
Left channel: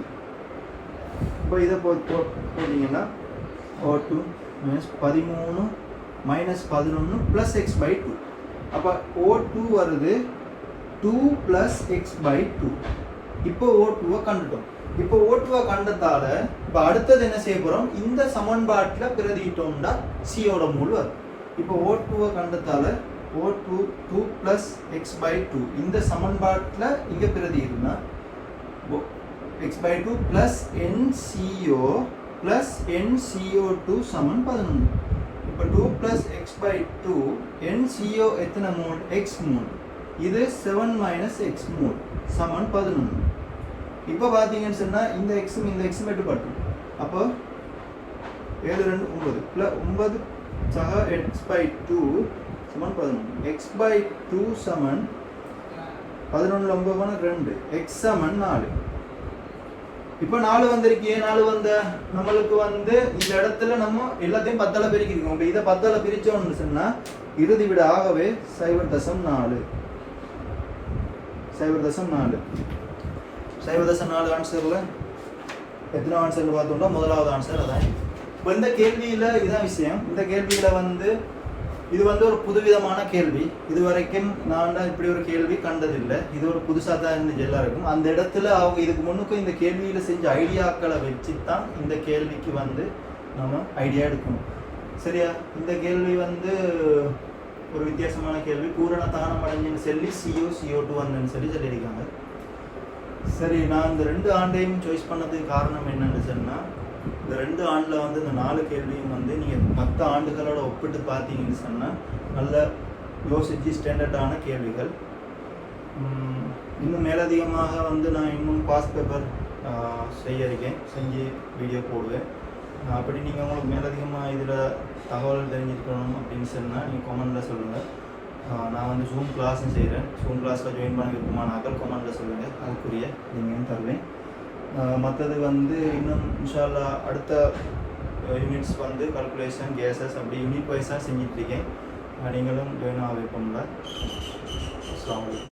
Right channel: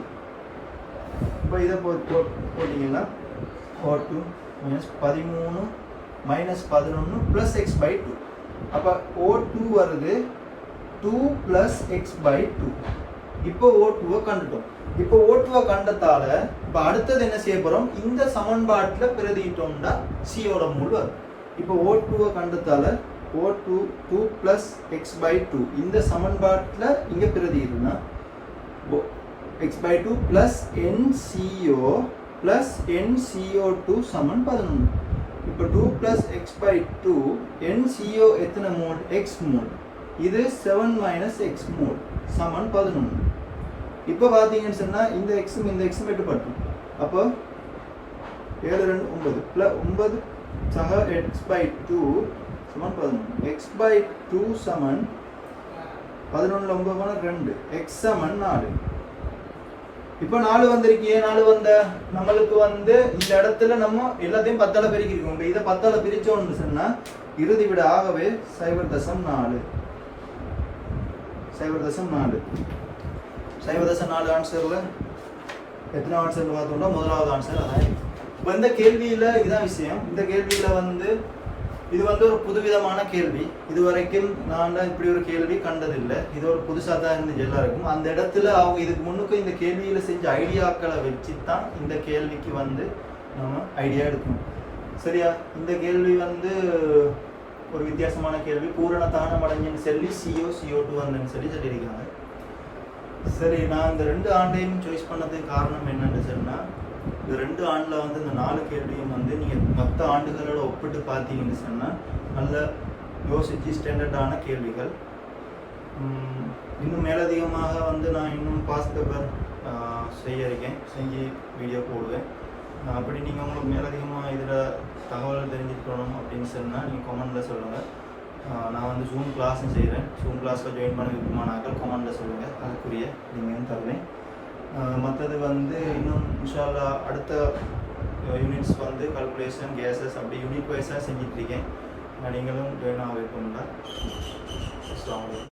இப்போ இதை போட்டீங்கன்னா O2 - 13 - 11 + x/2. அப்போ O2 வருது 2 + x/2. இப்போ O2 கண்டுட்டோம். இப்போ O2 கண்டதால இப்போ அடுத்தது என்ன செய்ய போறோம்? இந்த சமன்பாட்டுல பிரதியிட்டோம்னா C-யோட மூல் வரும். இப்போ O2 கண்டதால O2 2 + x/2 இந்த சமன்பாட்டுல இங்க பிரதியிடுனா x/2 + NCO + NCO2 சமன் 11. இப்போ 2 + x/2 NCO எத்தனை மோல்? x mole. இது 7 - x மோல் சமன் 11. இப்போ பார்த்தீங்கன்னு சொன்னா இந்த x மட்டும் பட்டும். அப்போ 7 2 9 9 சக x/2 சமன் 11. x/2 சமன் 11ல 9 2 x சமன் 4. இப்போ 4 வந்திருக்கே. 4 வந்த நம்மளுக்கு இந்த இடத்துல நம்ம எல்லாத்தையும் 10ஆல பெருக்கிருக்கோம். இப்போ இதை 10ஆல பிரிச்சோம்னு சொன்னா இறுதி விட ஆகவே 0.4 ஆன்சர்ல எத்தனை ஆன்சர் பார்த்தோம்னா முதலாவது ஆன்சர் அதான். இப்போ இந்த கேள்வியில இதான் விஷயம். இந்த கேள்வியில இது ஒரு புதுவிதமான கேள்வி. இதுவரைக்கும் நான் இப்படி ஒரு கேள்வி கண்டதில்லை. இது ஒரு புதுசாக தான் இருந்துச்சு எல்லாருக்கும். அந்த இடத்துல அவங்க இதுக்கு முன்னுக்கு இந்த கேள்வியில செஞ்ச ஐடியாக்களை வச்சு தான் இந்த கேள்விக்கு நம்ம ஐடியா எடுக்கணும். சரியா? இந்த கேள்வி ஒரு வித்தியாசமான கேள்வி. பூரண தானம் அடைஞ்சுன்னு சொல்லி CO2 வந்தேன்னு சொல்லியிருக்காங்க. சரி, நான் இந்த 2 ஆண்டையும் சாய்ஸ் பண்ணதுக்கு காரணம் என்னன்னு சொன்னா இந்த 2 ஆண்டுல இந்த 4 கேள்வியும் நீங்க மற்ற ஆண்டுகளோட ஒப்பிட்டு பார்த்தீங்கன்னு சொன்னா நல்ல யோசிச்சு ஸ்டாண்டர்டான கேள்விகள். இன்னும் மேலதிகமாக நான் இன்னும் பாஸ் பேப்பர் செஞ்சு வீடியோ போடுவேன். அப்படி நீங்கள் உங்களுக்கு மேலதிகமாக இதில் தகவல் தெரிஞ்சுக்கணும் அப்படின்னு சொன்னால் நீங்கள் கமெண்டில் சொல்லுங்கள். நான் ஜூம் கிளாஸும் செய்கிறேன். ஜூம் கிளாஸில் ஜாயின் பண்ண விருப்பமானாக்கள் கமெண்டில் சொல்லுங்கள். அதுக்குரிய நீங்கள் தருவேன். மற்றது இன்னும் இன்ஷா அல்லாஹ் அடுத்த யூனிட்ஸ் கால்குலேஷன் கேஸஸ் அப்படி யூனிட் வைஸாக செஞ்சிட்ருக்கேன். நீங்களும் ஜாயின் ஆக விருப்பம்ல. அஸ்ஸலாமு அலைக்கும்.